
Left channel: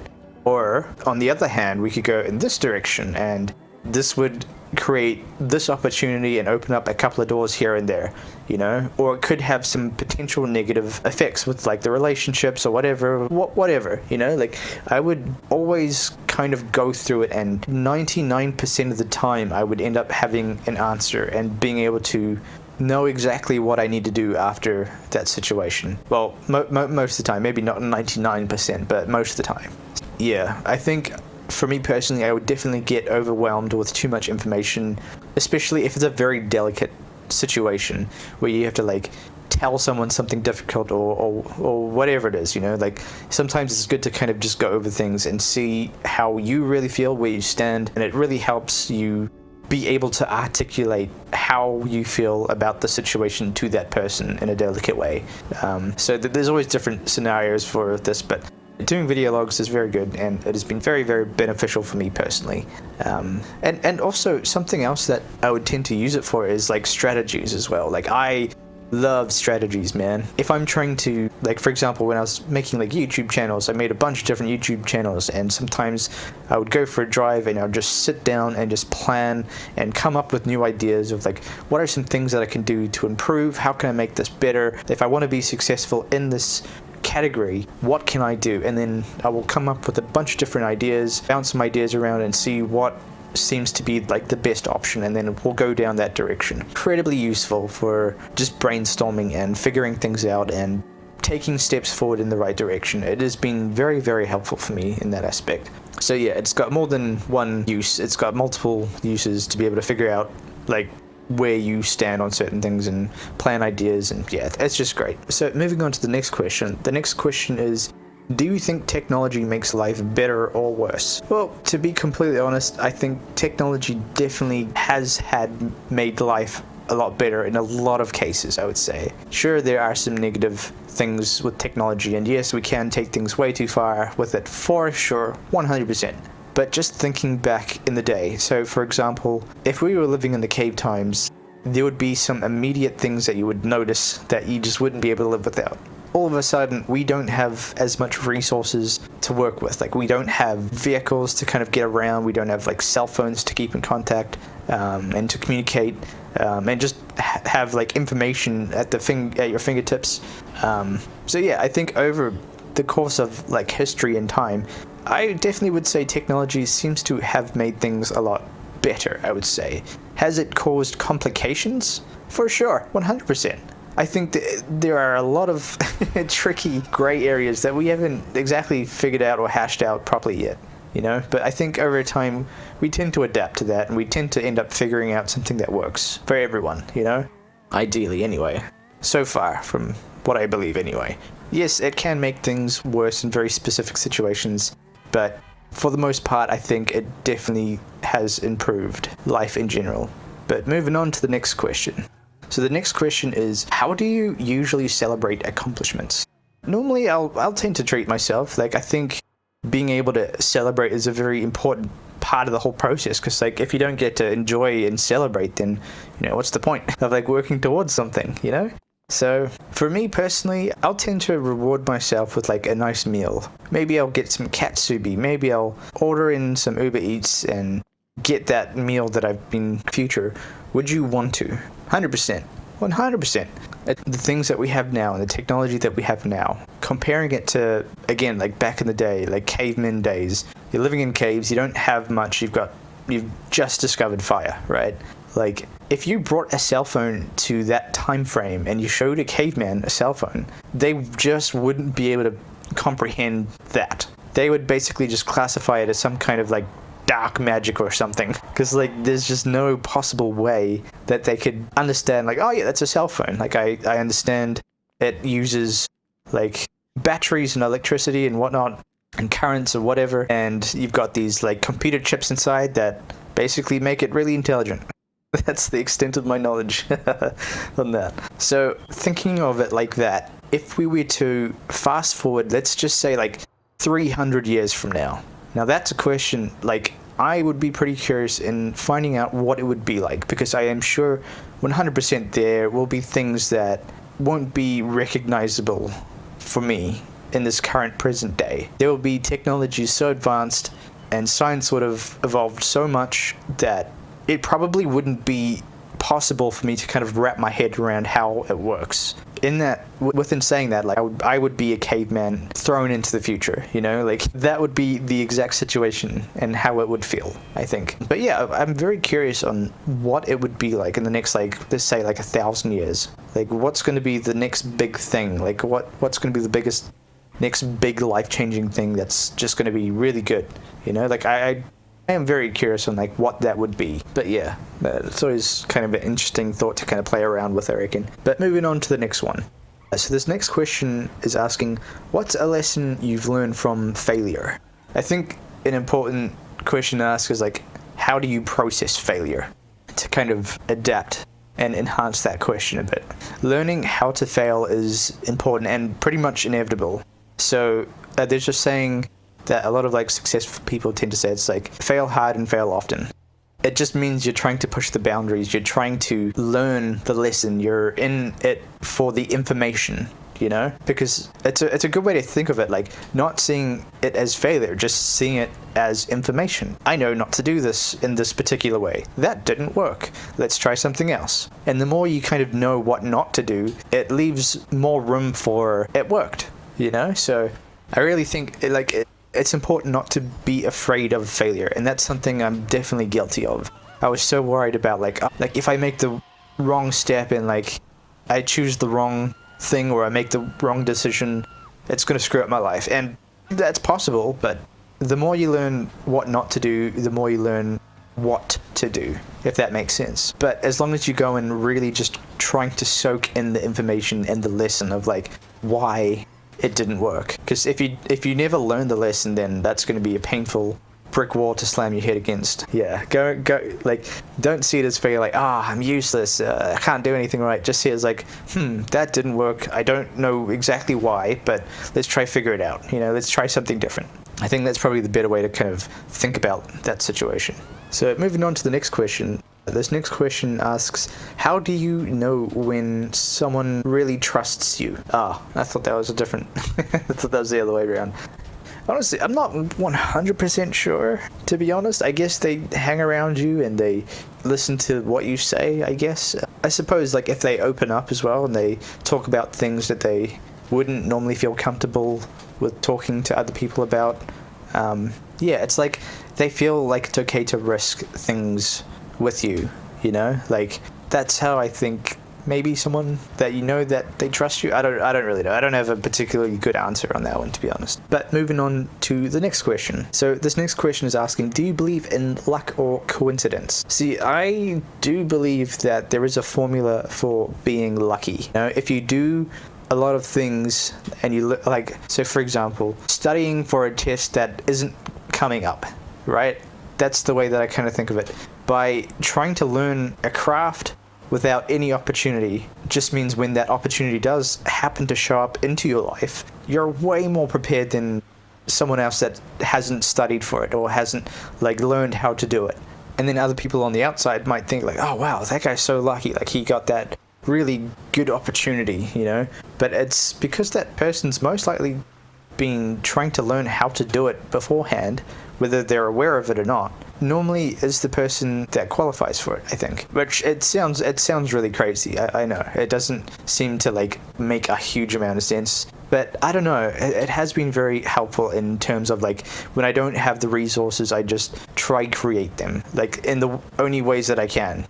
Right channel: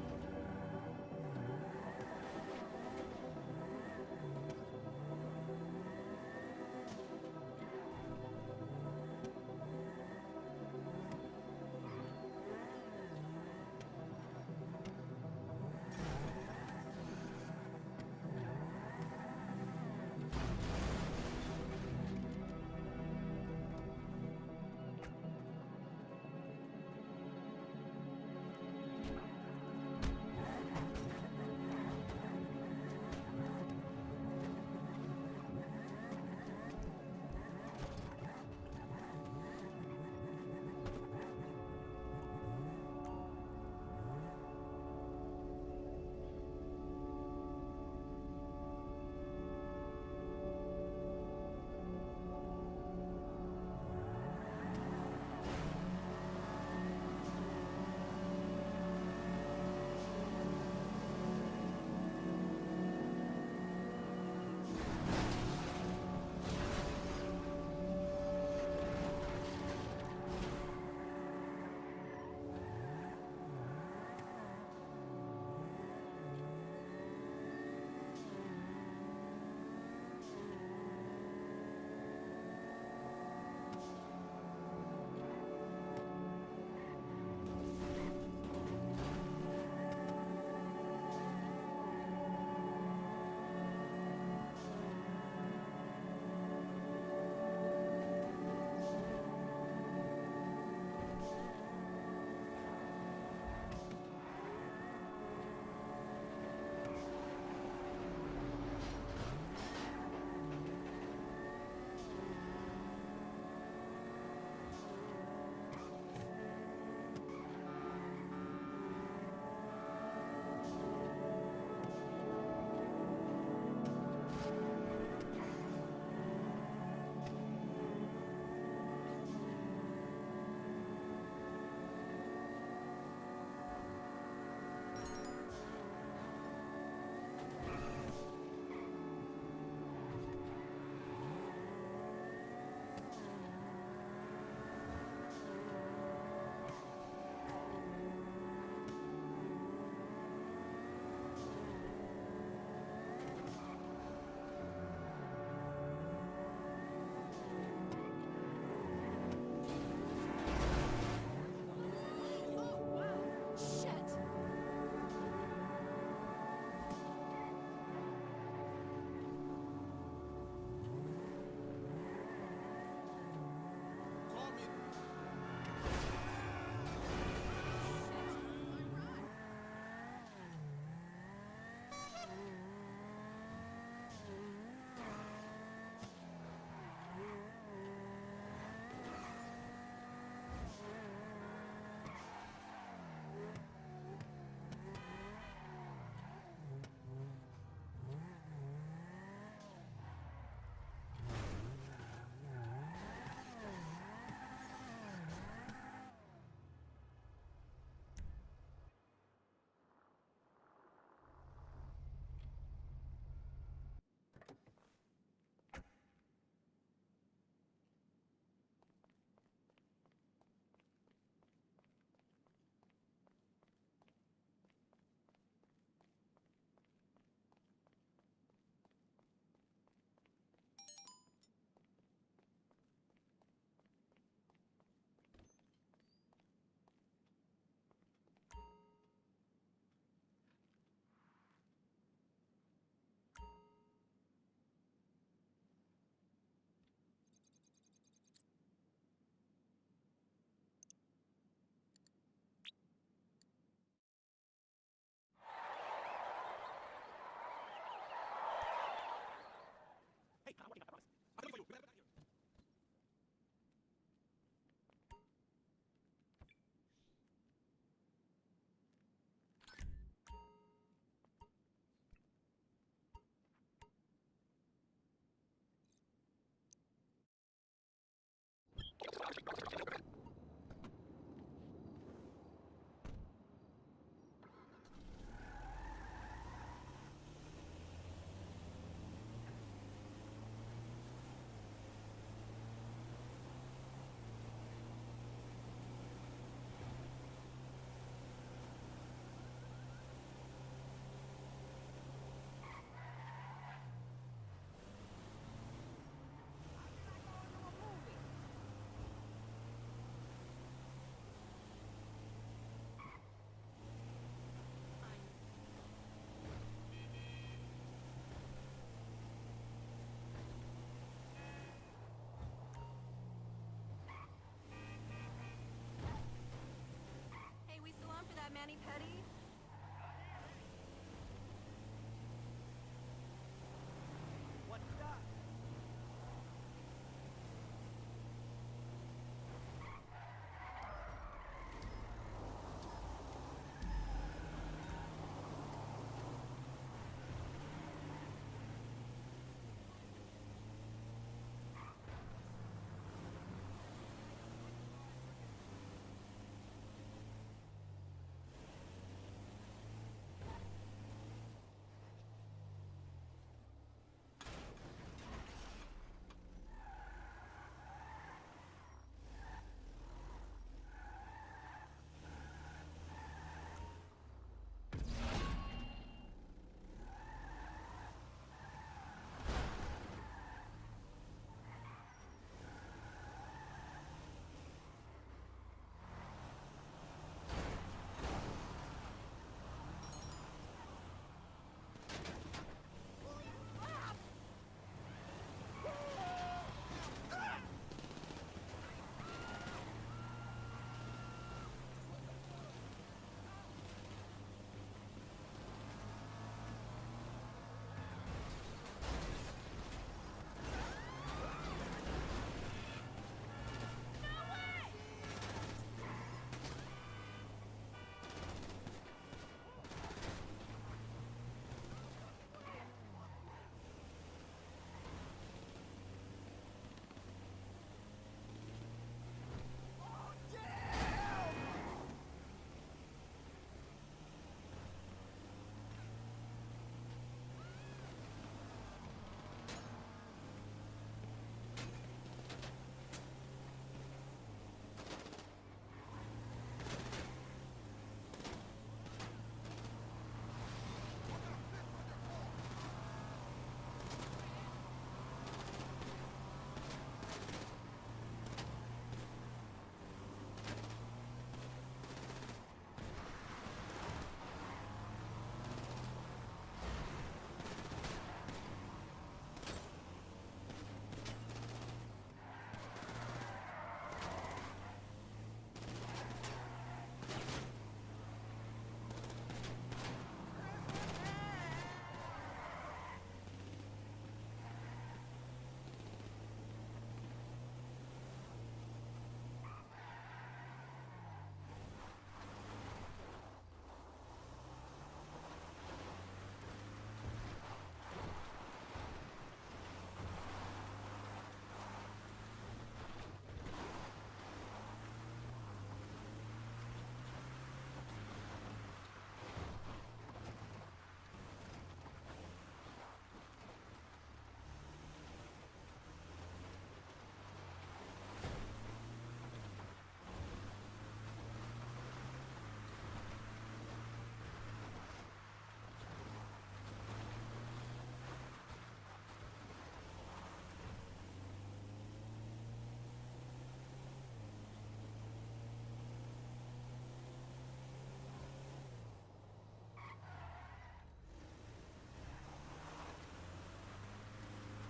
Or on the other hand, we could go in this direction and this would create this opportunity and open up a couple of doors here and there, you know? Or it could have some potential negative effects with like the relationships or whatever, you know? Like, I would always kind of go through it, and 99% of the time I would end up having an answer and being able to know exactly what I need to do after that situation. Well, most of the time, maybe not 99%, but most of the time. Yeah, I think for me personally, I would definitely get overwhelmed with too much information, especially if it's a very delicate situation where you have to like tell someone something difficult or whatever it is, you know? Like, sometimes it's good to kind of just go over things and see how you really feel, where you stand, and it really helps you be able to articulate how you feel about the situation to that person in a delicate way. So there's always different scenarios for this, but doing video logs is very good, and it has been very, very beneficial for me personally. And also something else that I would tend to use it for is like strategies as well. Like, I love strategies, man. If I'm trying to, like, for example, when I was making like YouTube channels, I made a bunch of different YouTube channels, and sometimes I would go for a drive and I would just sit down and just plan and come up with new ideas of like, what are some things that I can do to improve? How can I make this better? If I want to be successful in this category, what can I do? And then I will come up with a bunch of different ideas, bounce some ideas around and see what seems to be like the best option, and then we'll go down that direction. Incredibly useful for just brainstorming and figuring things out and taking steps forward in the right direction. It has been very, very helpful for me in that aspect. So yeah, it's got more than one use. It's got multiple uses to be able to figure out like where you stand on certain things and plan ideas, and yeah, it's just great. So moving on to the next question. The next question is, do you think technology makes life better or worse? Well, to be completely honest, I think technology definitely has made life a lot better in a lot of cases, I would say. Sure, there are some negative things with technology, and yes, we can take things way too far with it, for sure, 100%. But just thinking back in the day, so for example, if we were living in the cave times, there would be some immediate things that you would notice that you just wouldn't be able to live without. All of a sudden, we don't have as much resources to work with. Like, we don't have vehicles to kind of get around. We don't have like cell phones to keep in contact and to communicate, and just have like information at your fingertips. So yeah, I think over the course of like history and time, I definitely would say technology seems to have made things a lot better, I would say. Has it caused complications? For sure, 100%. I think that there are a lot of tricky gray areas that we haven't exactly figured out or hashed out properly yet, you know? But I think over time, we tend to adapt to that, and we tend to end up figuring out something that works for everyone, you know? Ideally, anyway. So far, from what I believe, anyway. Yes, it can make things worse in very specific situations, but for the most part, I think it definitely has improved life in general. But moving on to the next question. So the next question is, how do you usually celebrate accomplishments? Normally, I'll tend to treat myself. Like, I think being able to celebrate is a very important part of the whole process, because like if you don't get to enjoy and celebrate, then you know, what's the point of like working towards something, you know? So for me personally, I'll tend to reward myself with like a nice meal. Maybe I'll get some katsubi, maybe I'll order in some Uber Eats and get that meal that I've been future. Would you want to? 100%. 100%. The things that we have now and the technology that we have now, comparing it to, again, like back in the day, like cavemen days, you're living in caves, you don't have much, you've just discovered fire, right? Like, if you brought a cell phone to that time frame and you showed a caveman a cell phone, they just wouldn't be able to comprehend that. They would basically just classify it as some kind of like dark magic or something, because like there's just no possible way that they could understand like, oh yeah, that's a cell phone. Like I understand it uses like batteries and electricity and whatnot and currents or whatever, and you've got these like computer chips inside that basically make it really intelligent. That's the extent of my knowledge on that. So thinking of it like that, if we were to fast forward, let's just say like 300 years from now. Now that's a question, like, I would be pretty curious in finding out what it would be like, because I am sure 100% there will be things that won't be recognizable for me in this current present day. There will be technologies so advanced and science would have evolved so much that it probably wouldn't be possible for me to kind of wrap my head around how it works. Within saying that, like I would be a caveman thrown into the future, you know, like that would be the exact situation and how it would feel, I think. But yeah, I'm very curious on what it would be like in the next, like, let's say like 1,000 years. Like, what's going to be the next big thing? Like, what's going to be the next big life-changing thing that's just going to be really good, you know? Like, I am very curious on like what that would be. But yeah, it's always kind of an interesting thought to kind of play around with, I reckon. But moving on to the next one. So this next question is asking, what's a lesson you've learned from failure? I think an important question to ask is like, how do you process failure? To kind of adapt and enhance that question a bit. Learning how to fail is important and pretty much inevitable. So there's just saying that a lot of like successful people tend to say, it's like fail hard and fail often. It just means you're trying to push the boundaries, you're trying to learn the lesson, you're in it for the information, you know? Because it's a good way to think of it, like not seeing it as failure, just seeing it as information. I know not to do this in this particular way. That didn't work. Let's try something else. And the more you kind of know what not to do, it leaves more room for it worked, you know? So I really think it's important not to be afraid of failure, and that's something I'm definitely guilty of. I was so worried about like if I make the wrong step and like I choose the wrong thing or I make the wrong decision, it's going to screw up my life. And that's possible, but the more you learn what not to do, the more you learn what to do, if that makes sense. But as long as you go in really just trying to soak in the information and the lesson of like why it didn't work, because if you never learn the lesson, then that's going to be a painful brick wall to slam your head against. Yeah, go like, don't see it as failure, like, I'm useless, I can't do anything right. Just see it as like, that didn't work, I don't know exactly why, but let's try figure it out, let's try something different. I think that's probably the better way to kind of think about that situation. So moving on to the next question. This next question asks, how do you know when someone really trusts you? I thought that was a different, I thought that was the other way around. Honestly, I'm not 100% sure, to be honest. I guess they hang around you and they listen to what you say, I guess. I suppose, like, if they open up as well and they talk about things that they wouldn't normally feel comfortable with talking to other people about, yeah, it's like they feel like it's okay to risk things with you, Like, that's how I think maybe someone that that they trust you. I don't really know. I don't have a particularly good answer on that one, to be honest. But moving on to the next question. So this next question is asking, do you believe in luck or coincidence? See, I do believe that there is a formula for being lucky. If you do a lot of things and you look like, so for example, studying for a test that isn't coming up, right? That's the way that I kind of think of it. By trying to learn a craft without any opportunity just means when that opportunity does happen to show up into your life, you're way more prepared than someone else that hasn't studied for it or hasn't like learned how to do it. And then other people on the outside might think like, oh wow, that guy's so lucky, like he got that really good opportunity, But it's because that person's most likely been trying to learn how to do it beforehand, whether they're aware of it or not. Normally is the person that qualifies for it, I think. Which it sounds really crazy, I know. It doesn't seem to like make a huge amount of sense. But I don't know, it has been very helpful in terms of like when I don't have the resources, I just try create them, like in the only ways that I can.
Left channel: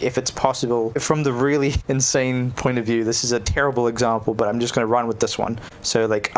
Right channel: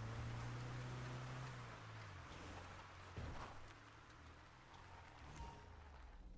If it's possible, from the really insane point of view, this is a terrible example, but I'm just going to run with this one. So like,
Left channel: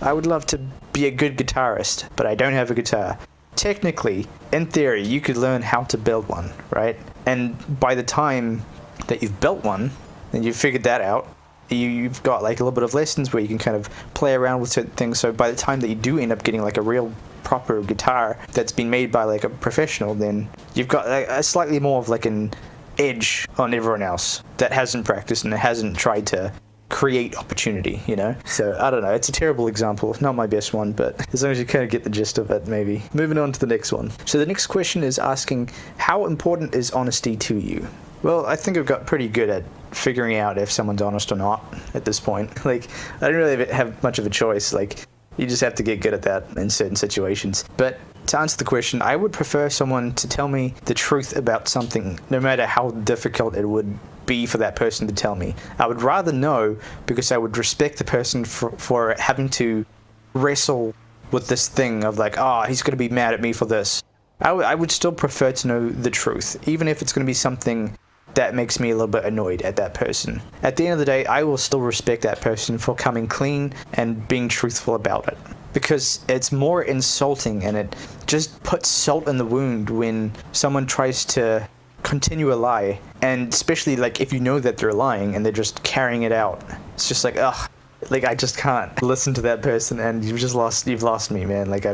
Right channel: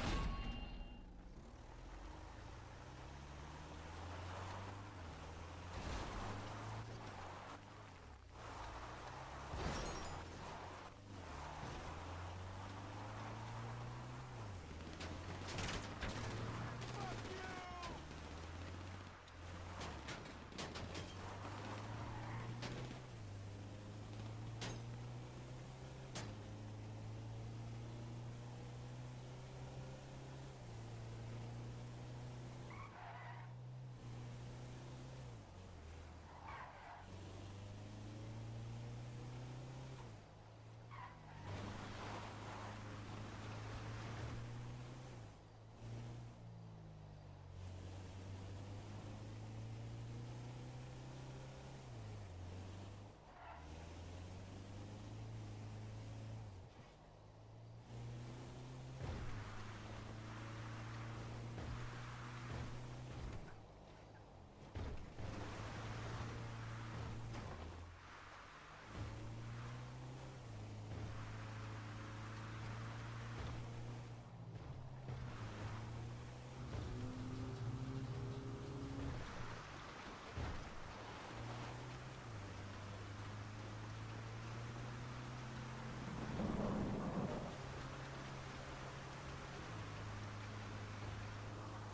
I would love to be a good guitarist, but I don't have a guitar. Technically, in theory, you could learn how to build one, right? And by the time that you've built one, and you've figured that out, you've got like a little bit of lessons where you can kind of play around with certain things. So by the time that you do end up getting like a real proper guitar that's been made by like a professional, then you've got like a slightly more of like an edge on everyone else that hasn't practiced and hasn't tried to create opportunity, So I don't know, it's a terrible example, not my best one, but as long as you kind of get the gist of it, maybe. Moving on to the next one. So the next question is asking, how important is honesty to you? Well, I think I've got pretty good at figuring out if someone's honest or not at this point. Like, I don't really have much of a choice. Like, you just have to get good at that in certain situations. But to answer the question, I would prefer someone to tell me the truth about something, no matter how difficult it would be for that person to tell me. I would rather know, because I would respect the person for having to wrestle with this thing of like, he's going to be mad at me for this. I would still prefer to know the truth, even if it's going to be something that makes me a little bit annoyed at that person. At the end of the day, I will still respect that person for coming clean and being truthful about it. Because it's more insulting and it just puts salt in the wound when someone tries to continue a lie, and especially like if you know that they're lying and they're just carrying it out. It's just like, like I just can't listen to that person, and you've lost me, man. Like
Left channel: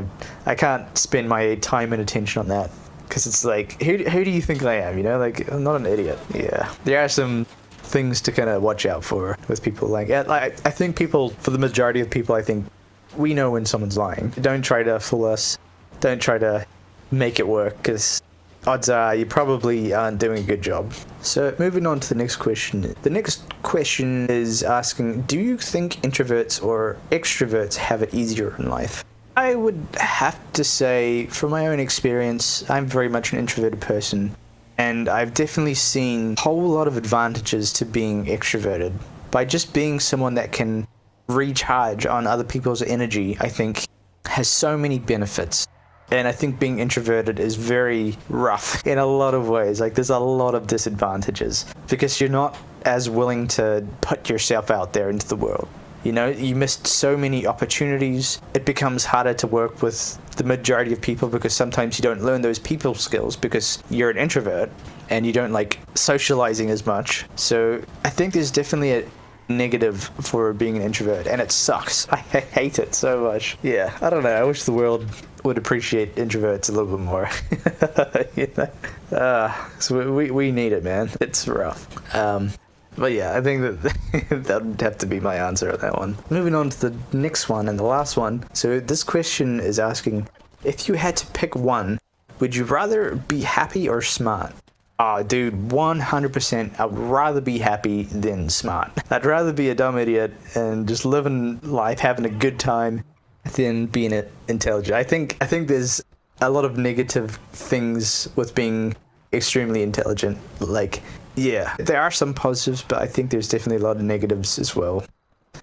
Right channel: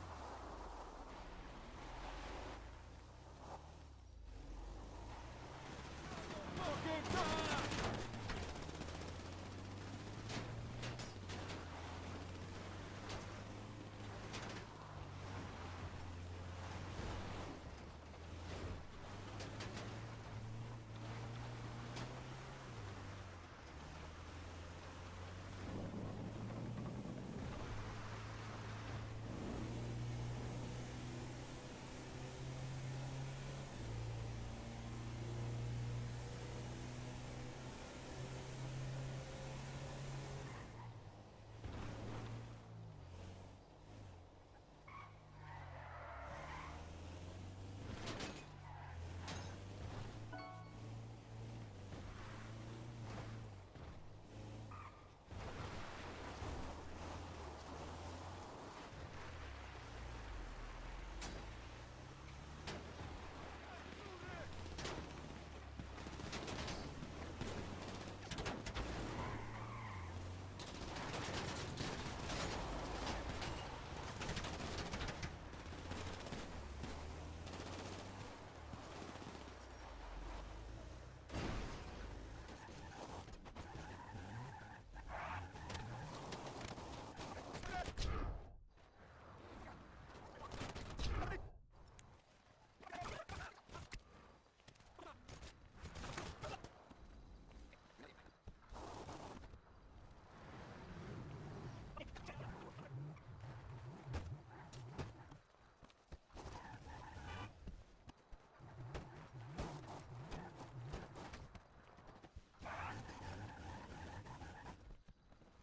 I can't spend my time and attention on that, because it's like, who do you think I am? Like, I'm not an idiot. Yeah, there are some things to kind of watch out for with people. Like I think people, for the majority of people, I think we know when someone's lying. Don't try to fool us. Don't try to make it work, because odds are you probably aren't doing a good job. So moving on to the next question. The next question is asking, do you think introverts or extroverts have it easier in life? I would have to say, from my own experience, I'm very much an introverted person, and I've definitely seen a whole lot of advantages to being extroverted. By just being someone that can recharge on other people's energy, I think has so many benefits. And I think being introverted is very rough in a lot of ways. Like, there's a lot of disadvantages because you're not as willing to put yourself out there into the world. You know, you missed so many opportunities. It becomes harder to work with the majority of people because sometimes you don't learn those people skills because you're an introvert and you don't like socializing as much. So I think there's definitely a negative for being an introvert, and it sucks. I hate it so much. Yeah, I don't know. I wish the world would appreciate introverts a little bit more. You know? So we need it, man. It's rough. But yeah, I think that that would have to be my answer on that one. Moving on to the next one and the last one. So this question is asking, if you had to pick one, would you rather be happy or smart? Oh, dude, 100%. I would rather be happy than smart. I'd rather be a dumb idiot and just living life, having a good time, than being intelligent. I think there's a lot of negative things with being extremely intelligent. Like, yeah, there are some positives, but I think there's definitely a lot of negatives as well.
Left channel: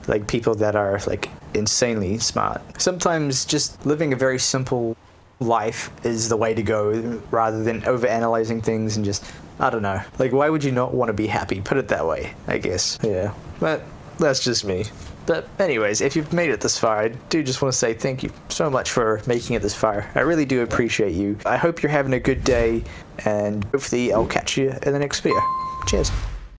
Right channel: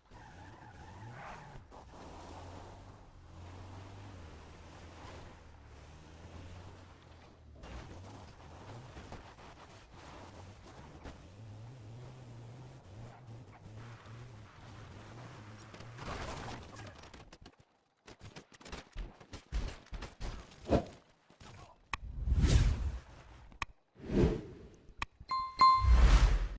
Like people that are like insanely smart. Sometimes just living a very simple life is the way to go rather than overanalyzing things and just, I don't know. Like, why would you not want to be happy? Put it that way, I guess. Yeah, but that's just me. But anyways, if you've made it this far, I do just want to say thank you so much for making it this far. I really do appreciate you. I hope you're having a good day, and hopefully I'll catch you in the next video. Cheers.